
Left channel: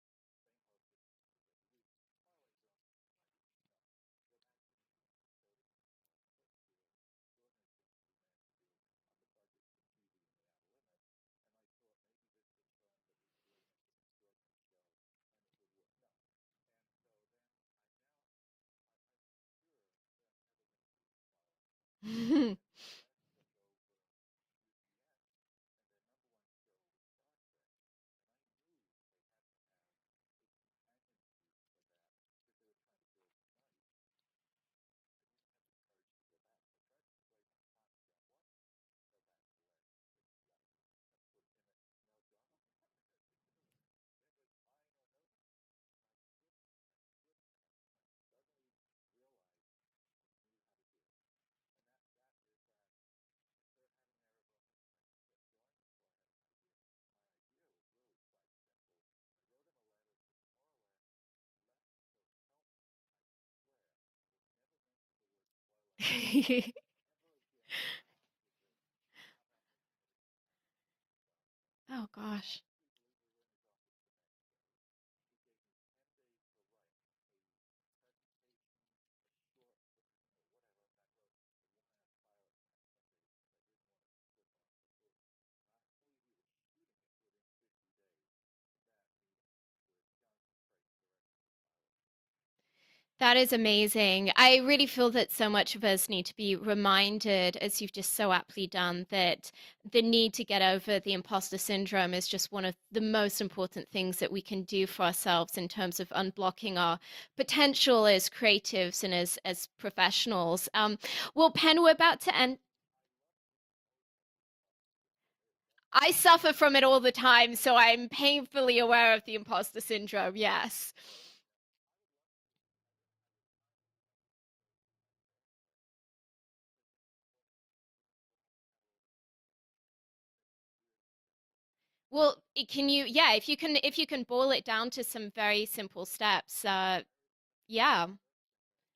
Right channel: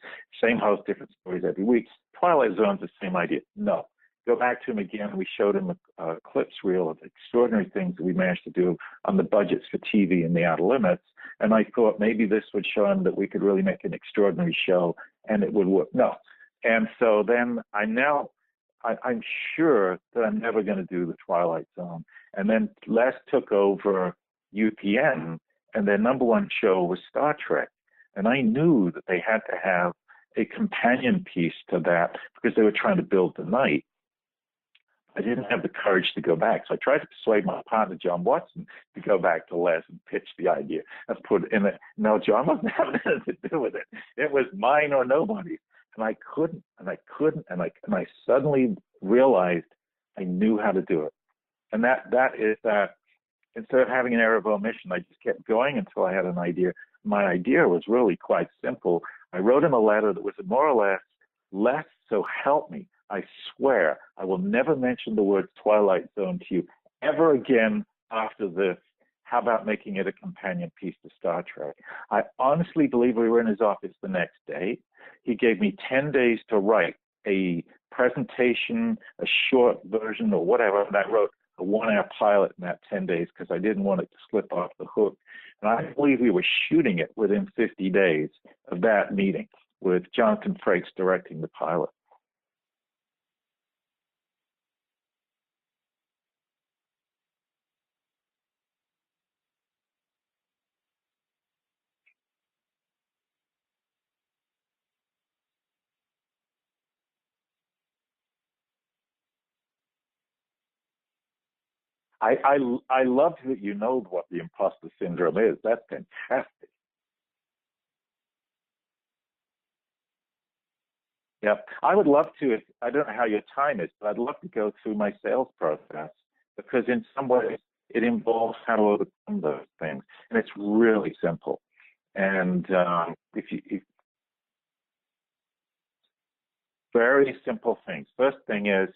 Same host, different stories every week. Twilight Zone's the same idea. No. Go back to him again. We showed him a clips reel of extraordinary things that we managed to do on the budgets for TV and the Outer Limits. And I thought maybe this would show him that we could really make an extraordinary show and it would work. No. And so then I'm sure that I'm never going to do the Twilight Zone. And then Les took over UPN, and their #1 show was Star Trek. And I knew that they had to have a companion piece to that because they were trying to build the night. I didn't have the courage to go back. So I tried to persuade my partner, John Watson, to go back to Les and pitch the idea. Let's put it in it. No, John wasn't having anything to do with it. It was mine or nobody's. And I couldn't, and I suddenly realized I knew how to do it. And that is that instead of having an error of omission, I just kept going until I had an idea. My idea was really quite simple. I wrote him a letter that was more or less, Les, so help me. I swear I will never mention the word Twilight Zone to you ever again after this. How about making it a companion piece to Star Trek? I honestly believe we were in his office the next day. He gave me 10 days to write a presentation, a short version or whatever, and I wrote a 1-hour pilot in that 10 days because I didn't want it to slip off the hook. And I believe we were shooting it within 50 days of that meeting with Jonathan Frakes directing the pilot. That is amazing. I really feel that so much of us need to be reminded, as you've just so aptly done, that the need to get over the imposter syndrome is just one of the most important things that we can do for ourselves in terms of unblocking our potential as creatives and as professionals. Well, Pen, we're about to end. I love that you know what the imposter syndrome is. That's I suffer from it all the time, so I'm painfully aware of the imposter syndrome, yes. Yep. I would love to, I don't know how your time is, but I'd love to go through my sales process because in some ways it involves how to overcome those things. And it's really simple. Well, and if you can boil it down to some very simple steps. Very simple yeah. things. First thing is,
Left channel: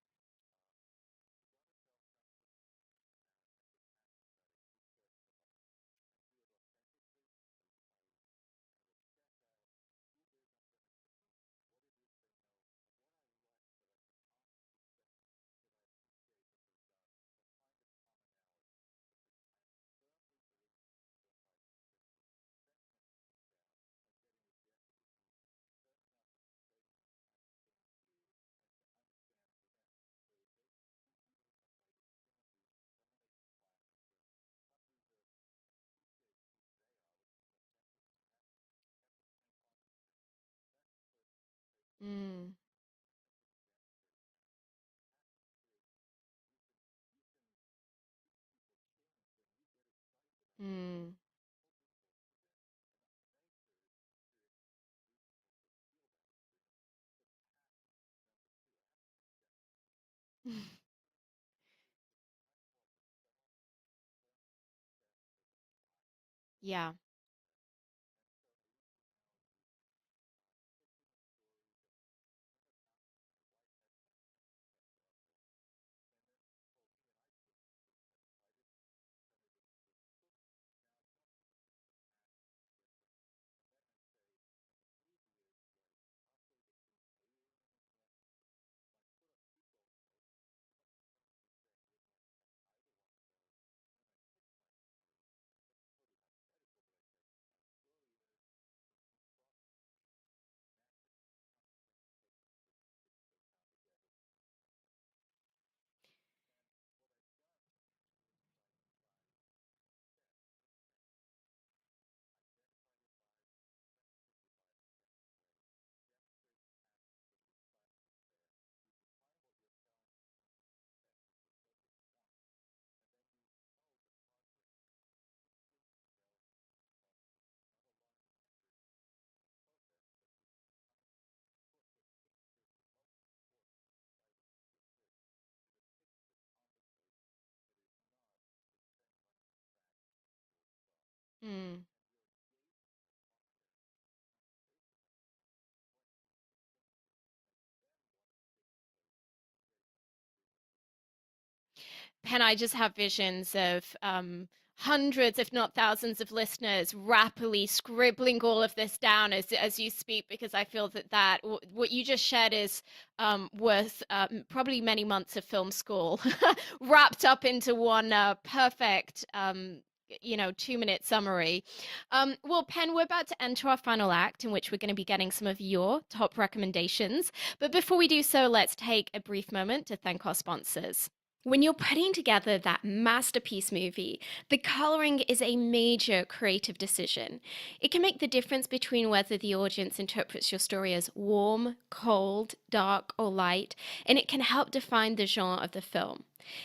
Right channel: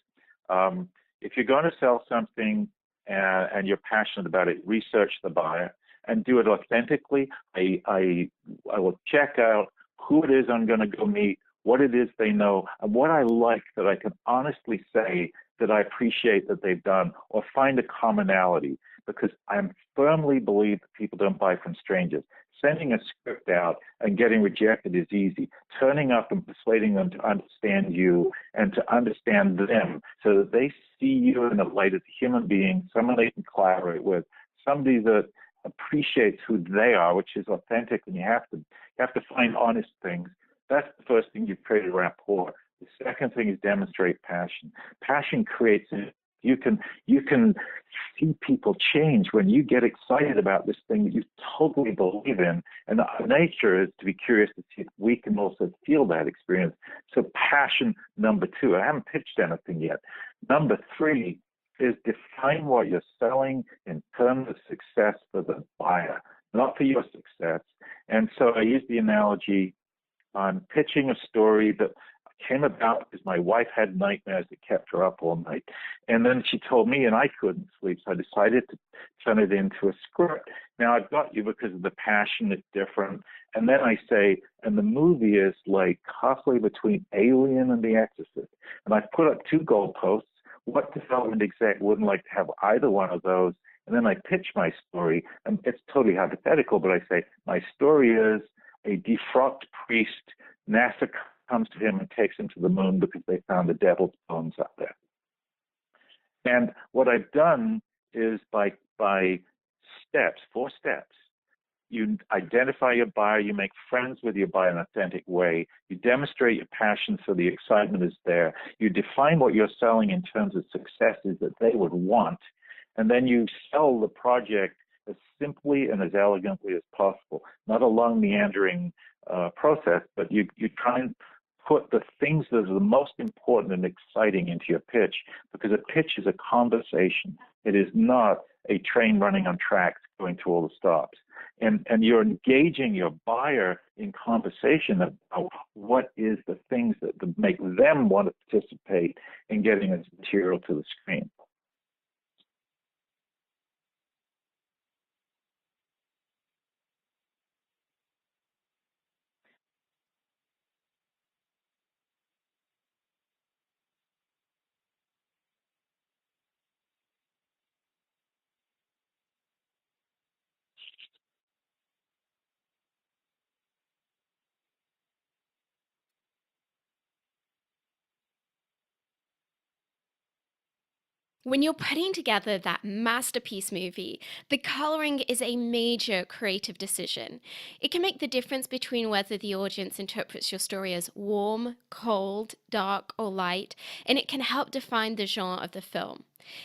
if you're going to sell something and you're passionate about it, research the buyer and do it authentically. I will check out who it is I'm going to go meet, what it is they know, and what I like that I can honestly say that I appreciate that they've done, or find a commonality, because I firmly believe that people don't buy from strangers. Sending a script out and getting rejected is easy. Turning up and persuading them to understand you and to understand them so that they see you in the light as a human being, someone they can collaborate with, somebody that appreciates who they are, which is authentic, and you have to find honest things. That's the first thing you've created rapport. The second thing is demonstrate passion. Passion creates it. You can see people change when you get excited about this thing that you totally believe in. And our nature is to be curious to see if we can also feel that experience. So passion, number 2. I haven't pitched anything yet. Number 3 is define what you're selling in terms of success for the buyer, not for your success. And so I use the analogy on pitching a story that came about because my wife had nightmares that kept her up all night. And then she told me, and I couldn't sleep, so I decided to turn it into a script. Now, I've got you because of the passion, it's different. And then I say, and the movie is like halfway between Alien and The Exorcist. And I put up 2 goalposts. What development exec wouldn't like to have either one of those? And then I pitch my story, and it's totally hypothetical, but I say, my story is a defrocked priest. NASA comes to him and takes him to the moon because they found the devil's bones up there. And what I've done is by steps, 4 steps, You identify your buyer, you make friends with your buyer in an authentic way, you demonstrate your passion so the excitement is there, you define what you're selling in terms of successes that they would want, and then you sell the project as simply and as elegantly as possible. Not a long meandering process, but you try and put the things that are the most important and exciting into your pitch, because a pitch is a conversation. It is not a train running on tracks going to all the stops. And you're engaging your buyer in conversation about what is the things that make them want to participate in getting this material to the screen. Pen, I just have visions of hundreds, if not thousands, of listeners rapidly scribbling all of this down as you speak, because I feel that what you just shared is worth probably many months of film school wrapped up into one perfect 2-minute summary. Well, Pen, we're about to enter our final act in which we're going to be getting some of your top recommendations. But before we do so, let's take a brief moment to thank our sponsors. When you're putting together that masterpiece movie, the coloring is a major creative decision. It can make the difference between whether the audience interprets your story as warm, cold, dark, or light, and it can help define the genre of the film.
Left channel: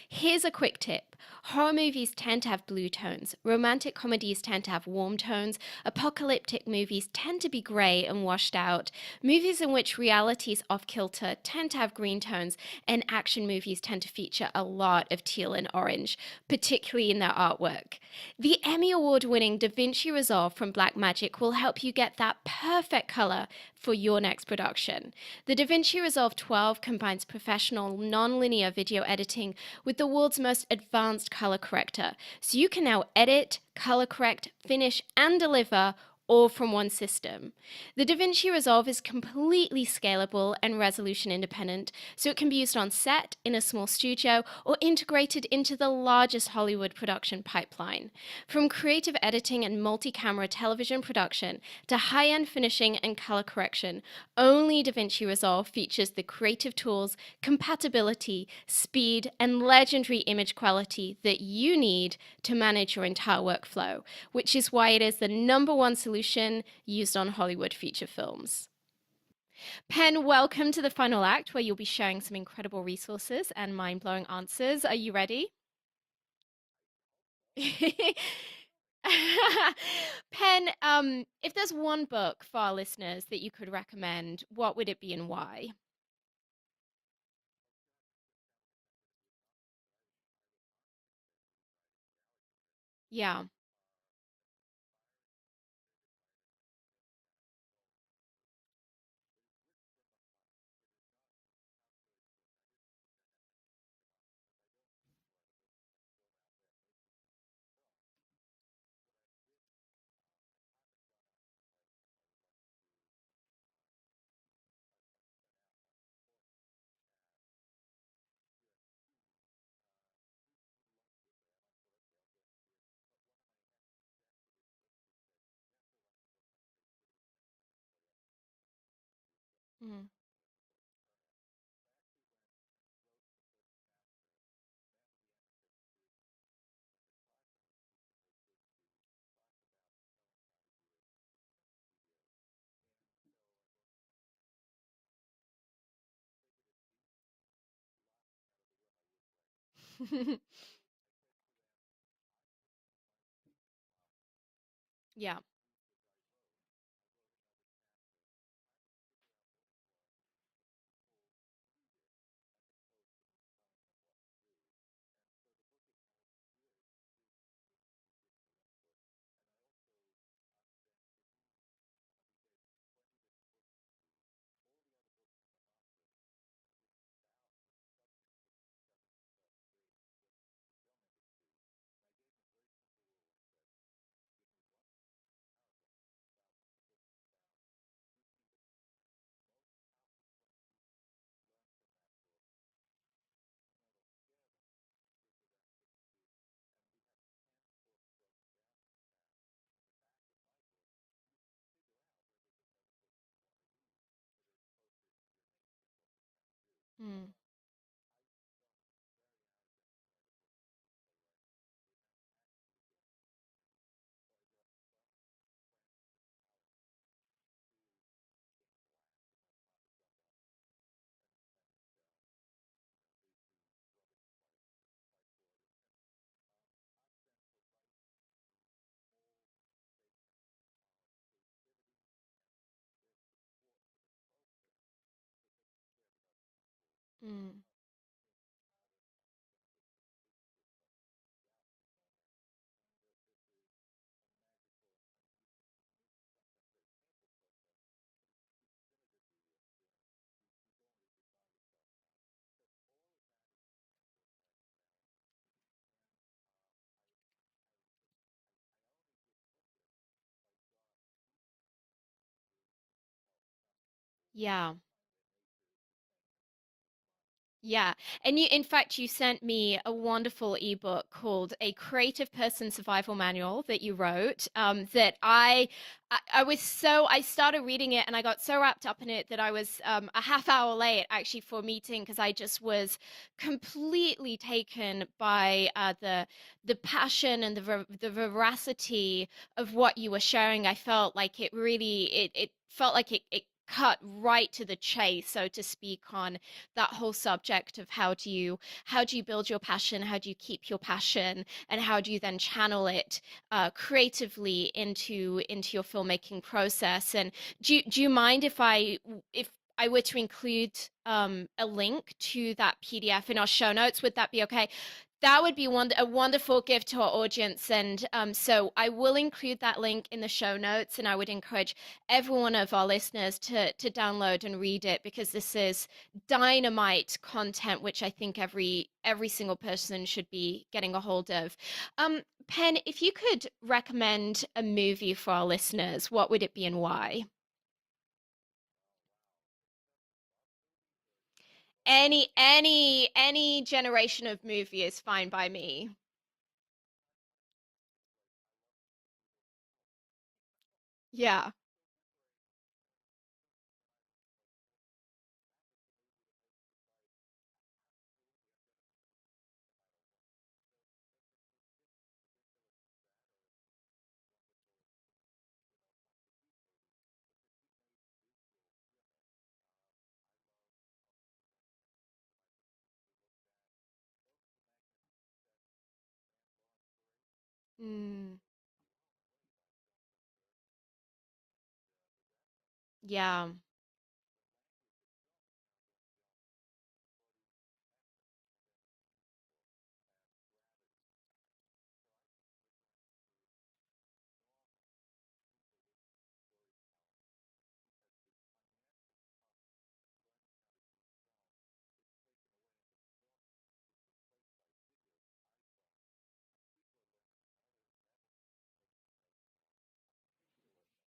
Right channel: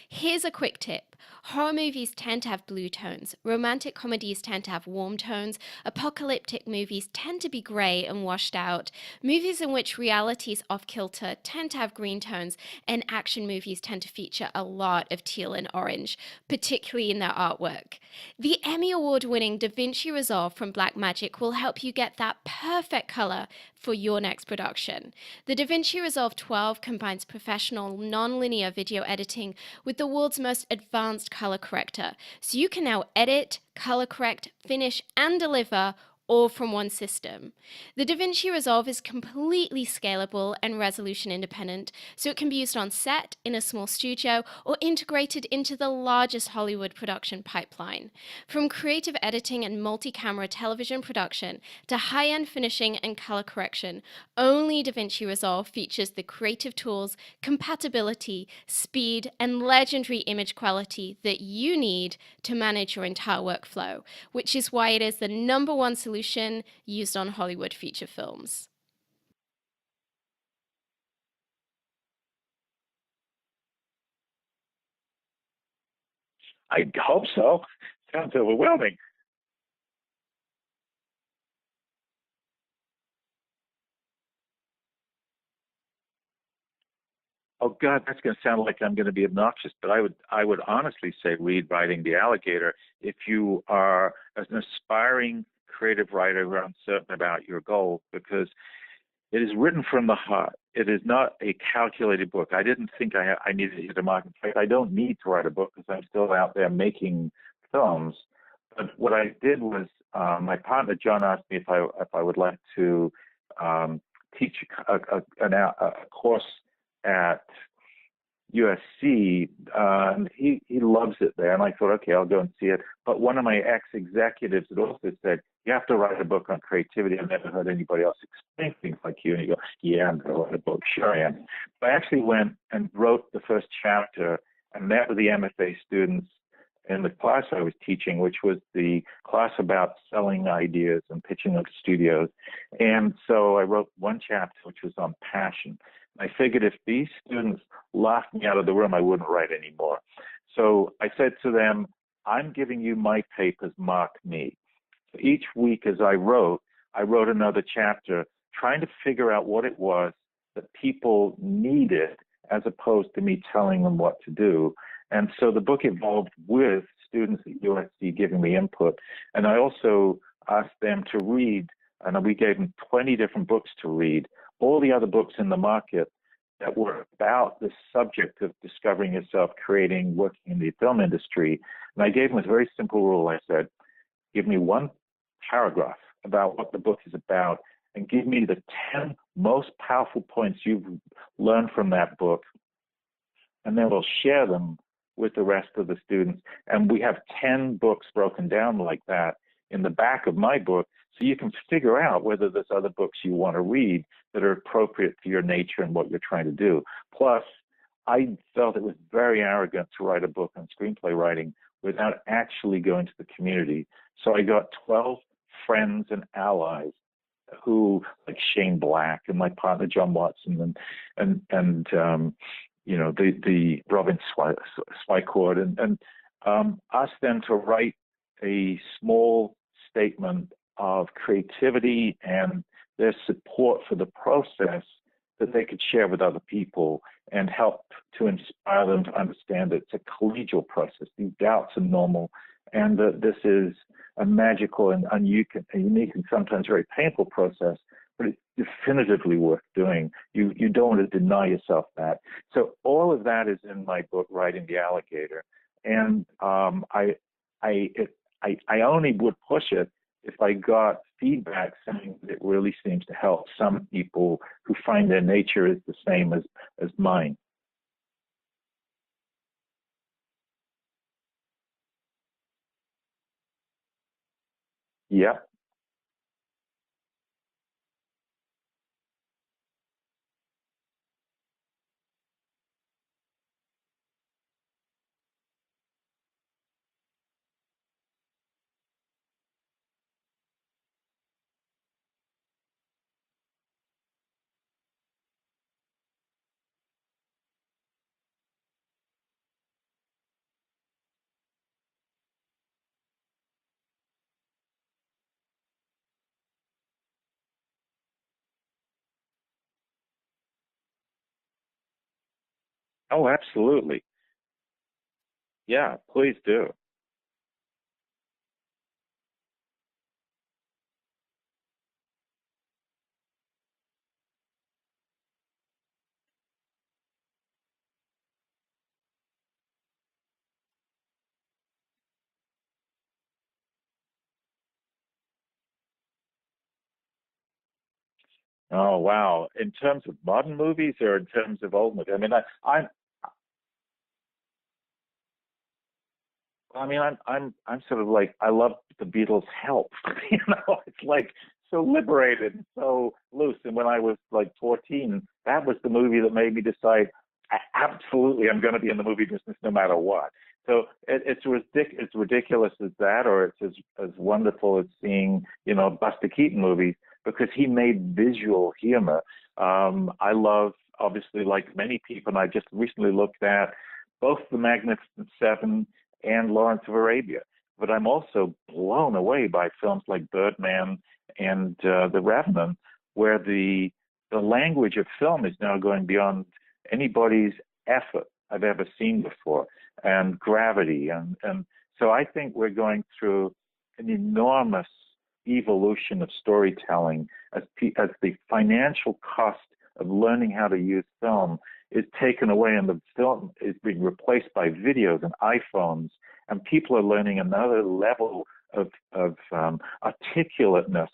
Here's a quick tip. Horror movies tend to have blue tones, romantic comedies tend to have warm tones, apocalyptic movies tend to be grey and washed out, movies in which reality is off kilter tend to have green tones, and action movies tend to feature a lot of teal and orange, particularly in their artwork. The Emmy Award-winning Da Vinci Resolve from Blackmagic will help you get that perfect color for your next production. The Da Vinci Resolve 12 combines professional non-linear video editing with the world's most advanced color corrector, so you can now edit, color correct, finish, and deliver all from one system. The Da Vinci Resolve is completely scalable and resolution independent, so it can be used on set, in a small studio, or integrated into the largest Hollywood production pipeline. From creative editing and multi-camera television production to high-end finishing and color correction, only Da Vinci Resolve features the creative tools, compatibility, speed, and legendary image quality that you need to manage your entire workflow, which is why it is the #1 solution used on Hollywood feature films. Pen, welcome to the final act where you'll be sharing some incredible resources and mind-blowing answers. Are you ready? I hope so. Sounds overwhelming. Pen, if there's one book for our listeners that you could recommend, what would it be and why? Oh God, that's going to sound like I'm going to be obnoxious, but I would honestly say read Riding the Alligator if you are an aspiring creative writer who are uncertain about your goal, because it is written from the heart. It is not a calculated book. I didn't think I needed to hit a mark. In fact, I don't need to write a book because I'm still out there making films. But what I did was my partner John asked me if I would like to teach a course at USC. He loves it there, and I thought, okay, I'll go and see it. But one of my ex-executives had also said, you have to write a book on creativity. I've never heard anybody else explain things like you. And you go, yeah, I'm going to write a book. Sure I am. So I actually went and wrote the first chapter and met with the MFA students in the class I was teaching, which was the class about selling ideas and pitching them to studios. And so I wrote one chapter, which was on passion. I figured if these students laughed me out of the room, I wouldn't write anymore. So I said to them, I'm giving you my papers, mark me. So each week as I wrote another chapter, trying to figure out what it was that people needed as opposed to me telling them what to do. And so the book evolved with students at USC giving me input. And I also asked them to read, and we gave them 20 different books to read, all the other books in the market that were about the subject of discovering yourself, creating, working in the film industry. And I gave them a very simple rule. I said, give me one paragraph about what the book is about and give me the 10 most powerful points you've learned from that book. And then we'll share them with the rest of the students. And we have 10 books broken down like that in the back of my book, so you can figure out whether there's other books you want to read that are appropriate for your nature and what you're trying to do. Plus, I felt it was very arrogant to write a book on screenplay writing without actually going to the community So I got 12 friends and allies who, like Shane Black and my partner John Watson, and the Robin Swycord, and asked them to write a small statement of creativity and their support for the process that they could share with other people and help to inspire them to understand that it's a collegial process. These doubts are normal, and that this is a magical and unique and sometimes very painful process, but it's definitively worth doing. You don't want to deny yourself that. So all of that is in my book, Riding the Alligator, and I only would push it if I got feedback saying that it really seems to help some people Yeah. who find their nature is the same as mine. Yeah. And in fact, you sent me a wonderful ebook called A Creative Person Survival Manual that you wrote. That Yep. I started reading it and I got so wrapped up in it that I was a half hour late actually for a meeting because I just was completely taken by the passion and the veracity of what you were sharing. I felt like it felt like it cut right to the chase, so to speak, on that whole subject of how do you build your passion, how do you keep your passion, and how do you then channel it creatively into your filmmaking process. And do you mind if I were to include a link to that PDF Oh, in our show notes? absolutely. Would that be okay? That would be Yeah, a please wonderful do. gift to our audience. And so I will include that link in the show notes, and I would encourage every one of our listeners to download and read it because this is dynamite content, which I think every single person should be getting a hold of. Pen, if you could recommend a movie for our listeners, what would it be and why? Oh, wow. In terms of modern movies or in terms of old movies? Any generation of movie is fine by me. I'm sort of like, I love the Beatles' Help. It's like Yeah. so liberated and so loose. And when I was like 14, that was the movie that made me decide, absolutely, I'm going to be in the movie business no matter what. So it's ridiculous as that, or it's as wonderful as seeing, Buster Keaton movies because he made visual humor. I love, obviously, like many people, and I just recently looked at both The Magnificent Seven and Lawrence of Arabia. But I'm Mm, also blown away by films like Birdman and The Revenant, where yeah. the language of film is now going beyond anybody's effort I've ever seen before, and gravity, and so I think we're going through an enormous evolution of storytelling as the financial cost of learning how to use film is taken away and the film is being replaced by videos and iPhones, and people are learning another level of articulateness.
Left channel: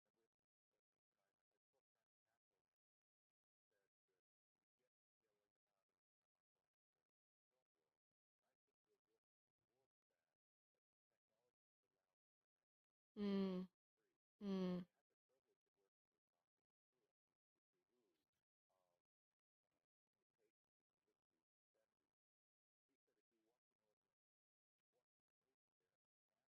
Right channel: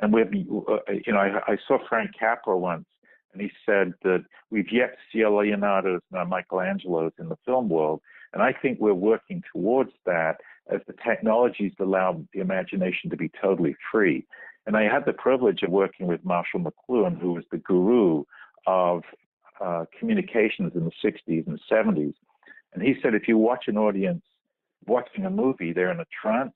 And I saw Frank Capra once, and he said that we've yet to see a Leonardo's and Michelangelo's in the film world, and I think we're working towards that as the technologies allow the imagination to be Mm, totally free. And I mm, had the privilege of working with Marshall McLuhan, who was the guru of communications in the 60s and 70s. And he said, if you watch an audience watching a movie, they're in a trance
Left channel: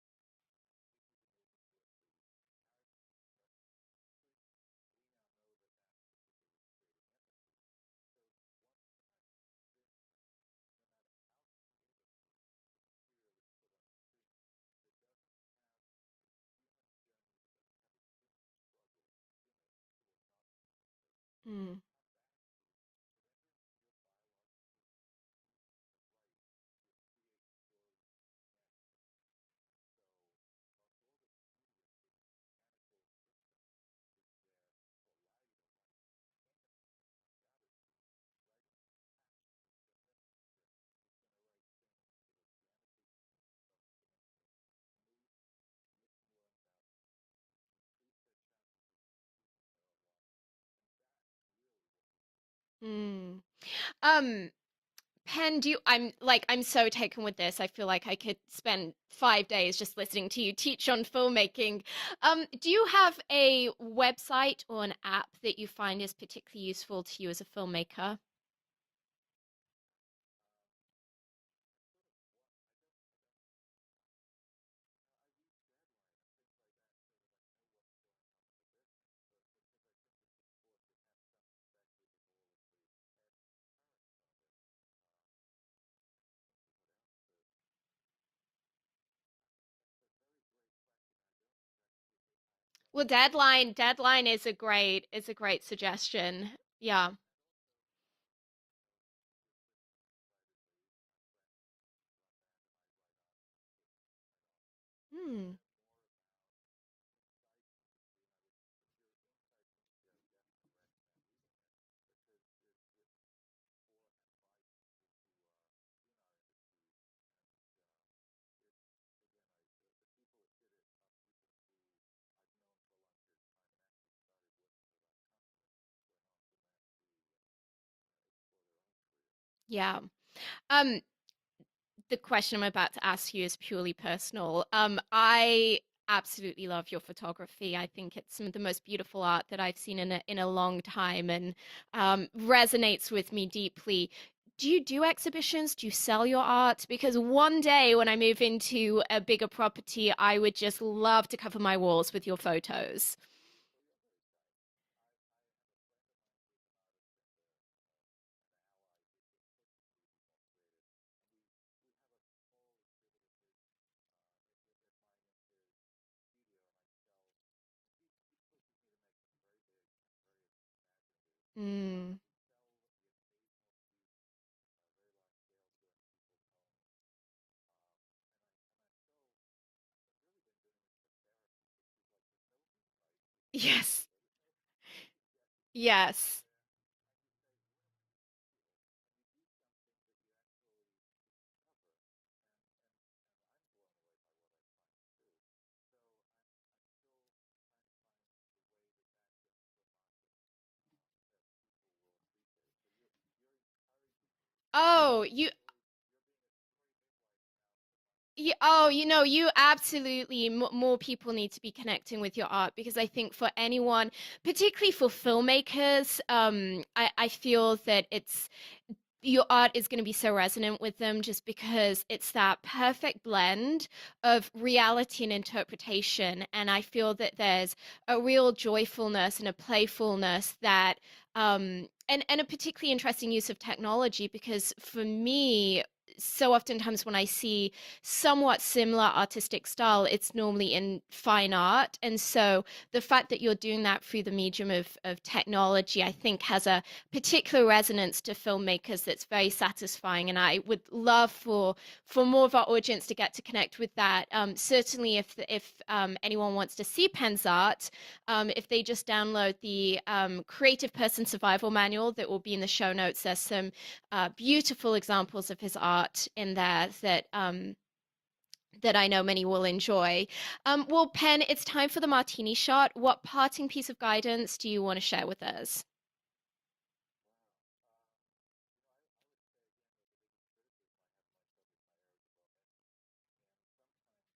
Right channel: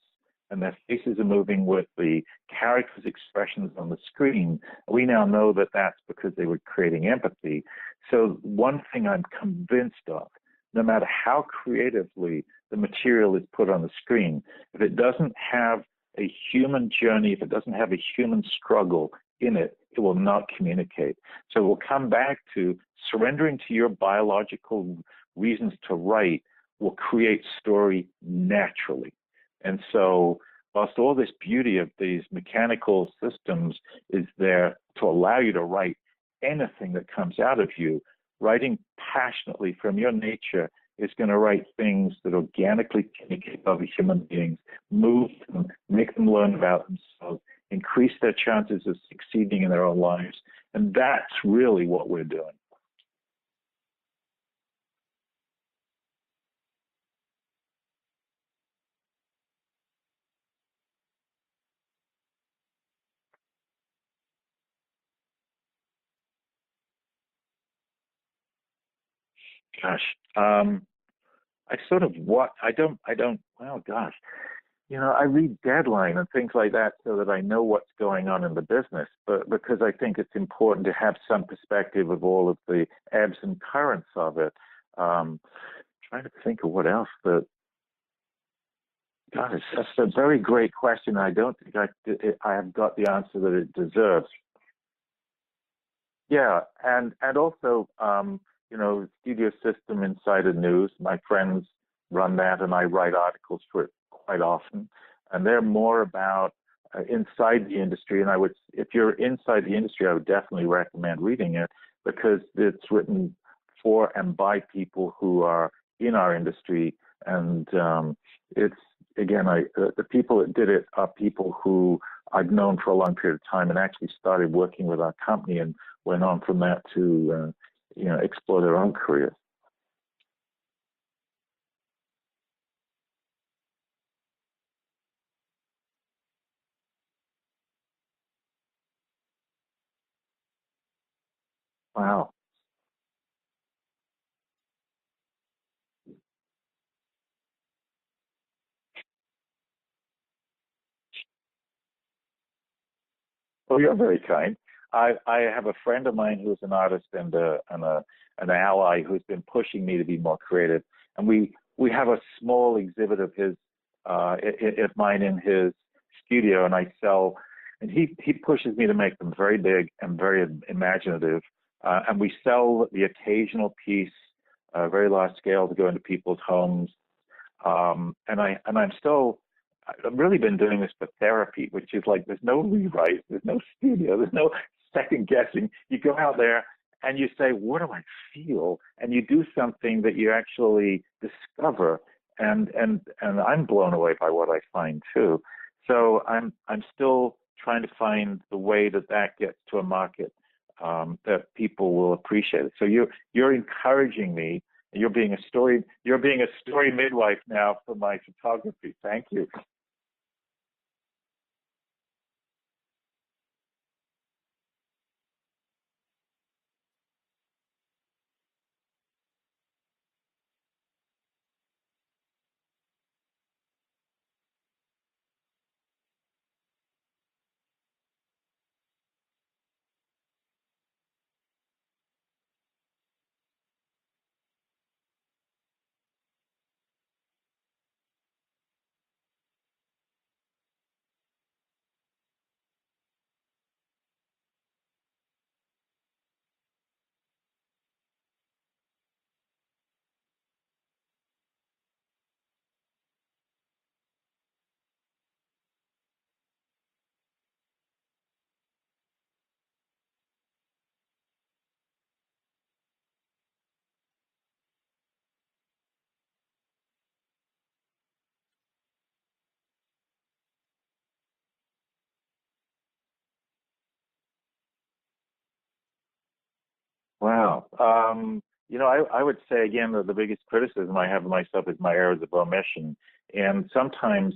and their faces are moving with the characters' expressions on the screen. We now know that that's because they were creating empathy. So one thing I'm convinced of, no matter how creatively the material is put on the screen, if it doesn't have a human journey, if it doesn't have a human struggle in it, it will not communicate. So we'll mm, come back to surrendering to your biological reasons to write will create story naturally. And so, whilst all this beauty of these mechanical systems is there to allow you to write anything that comes out of you, writing passionately from your nature is going to write things that organically communicate with other human beings, move them, make them learn about themselves, increase their chances of succeeding in their own lives. And that's really what we're doing. mm. Um, Pen, I'm so taken with this. I feel like I could spend 5 days just listening to you teach on filmmaking. Do you have a website or an app that you find is particularly useful to you as a filmmaker? Gosh, I sort of what I don't. Well, gosh, I read Deadline and things like that so that I know what's going on in the business, but because I think it's important to have some perspective of all of the ebbs and currents of it. Trying to think of what else, but God, that's a very great question. I don't think I have got Well, the answer that it Deadline deserves. is a great suggestion. Yeah, Yeah. and also, Studio System Insider News. My friends run that, and I write articles for it quite often. And Hmm. they're more about inside the industry. And if you're inside the industry, I would definitely recommend reading it because it's written for and by people who are in our industry. And it's again, the people that did it are people who I've known for a long period of time and actually started working with our company and went on from that to explore their own careers. Yeah. Um, the question I'm about to ask you is purely personal. I absolutely love your photography. I think it's some of the most beautiful art that I've seen in a long time, and Wow. resonates with me deeply. Do you do exhibitions? Do you sell your art? Because one day when I move into a bigger property, I would just love to cover my walls with your photos. Oh, you're very kind. I have a friend of mine who's an artist and an ally who's been pushing me to be more creative. And we have a small exhibit of his of mine in his studio, and I sell. And he pushes me to make them very big and very imaginative. Mm. And we sell the occasional piece, very large scale, to go into people's homes. I've really been doing this for therapy, which is like there's no rewrite, there's no Yes. studio, there's no second guessing. You go out Yes. there and you say, what do I feel? And you do something that you actually discover. And I'm blown away by what I find too. So I'm still trying to find the way that gets to a market that people will appreciate it. So you're encouraging me. Oh, you You're being a story midwife now for my Yeah, oh, photography. Thank you. you absolutely, more people need to be connecting with your art because I think for anyone, particularly for filmmakers, I feel that your art is going to be so resonant with them just because it's that perfect blend of reality and interpretation. And I feel that there's a real joyfulness and a playfulness that, and a particularly interesting use of technology because for me, so oftentimes when I see somewhat similar artistic style, it's normally in fine art. And so the fact that you're doing that through the medium of technology, I think has a particular resonance to filmmakers that's very satisfying. And I would love for more of our audience to get to connect with that. Certainly, if anyone wants to see Pen's art, if they just download the Creative Person Survival Manual that will be in the show notes, there's some beautiful examples of his art in there that I know many will enjoy. Well, Pen, it's time for the Martini Shot. What parting piece of guidance do you want to share with us? Wow. I would say again that the biggest criticism I have of myself is my errors of omission. And sometimes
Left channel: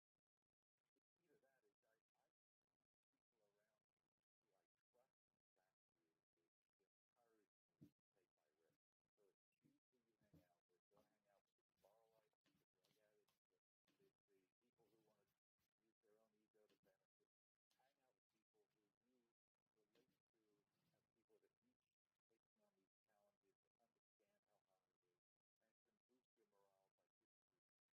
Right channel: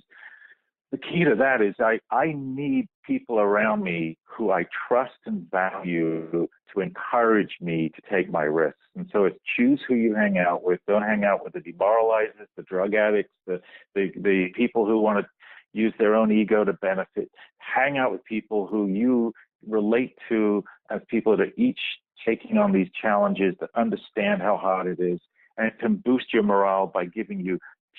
the key to that is I need people around me who I trust and value to encourage me to take my risks. And so it's choose who you hang out with. Don't hang out with the demoralizers, the drug addicts, the people who want to use their own ego to benefit. Hang out with people who you relate to as people that are each taking on these challenges, that understand how hard it is, and it can boost your morale by giving you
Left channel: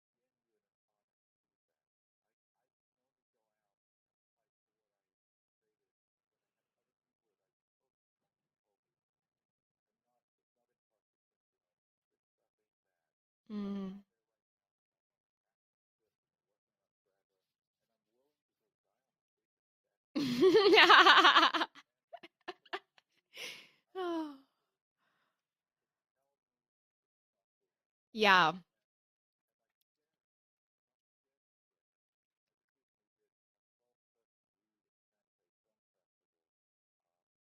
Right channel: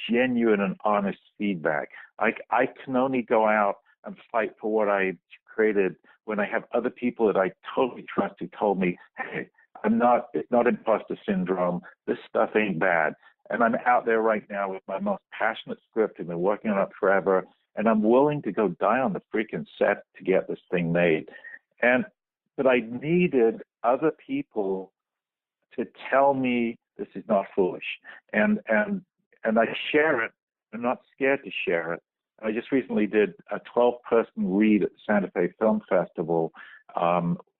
genuine and honest feedback. I can only go out and fight for what I created when I have other people that I totally trust who told me, hey, it's not imposter syndrome. This stuff ain't bad. And I'm Mm. out there right now with my most passionate script. I've been working on it forever. And I'm willing to go die on the freaking set to get this thing made. And but I needed other people to tell me this is not foolish. Yeah. And I share it. I'm not scared to share it. I just recently did a 12-person read at the Santa Fe Film Festival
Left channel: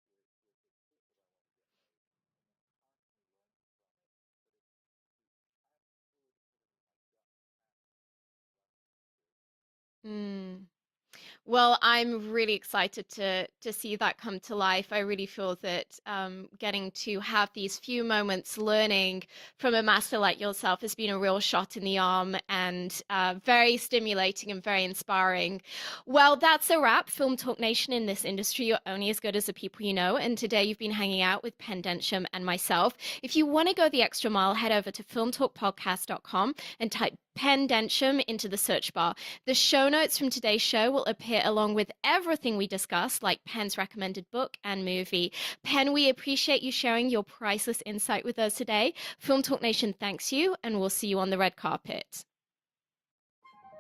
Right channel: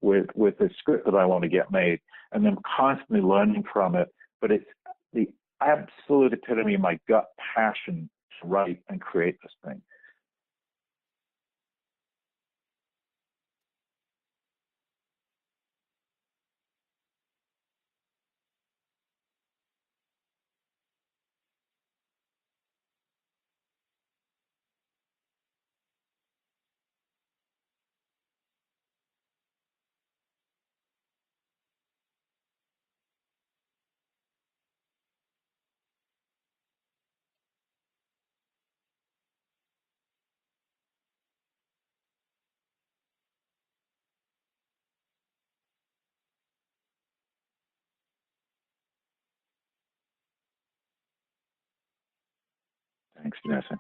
with a script that I want to get made, and I'm constantly learning from it. But it's the absolute epitome of my gut passion to write and create this thing. Mm. Well, I'm really excited to see that come to life. I really feel that getting to have these few moments learning from a master like yourself has been a real shot in the arm and very stimulating and very inspiring. Well, that's a wrap. Film Talk Nation, in this industry, you're only as good as the people you know. And today you've been hanging out with Pen Densham and myself. If you want to go the extra mile, head over to filmtalkpodcast.com and type Pen Densham into the search bar. The show notes from today's show will appear along with everything we discussed, like Pen's recommended book and movie. Pen, we appreciate you sharing your priceless insight with us today. Film Talk Nation thanks you, and we'll see you on the red carpet. Thanks, Vanessa.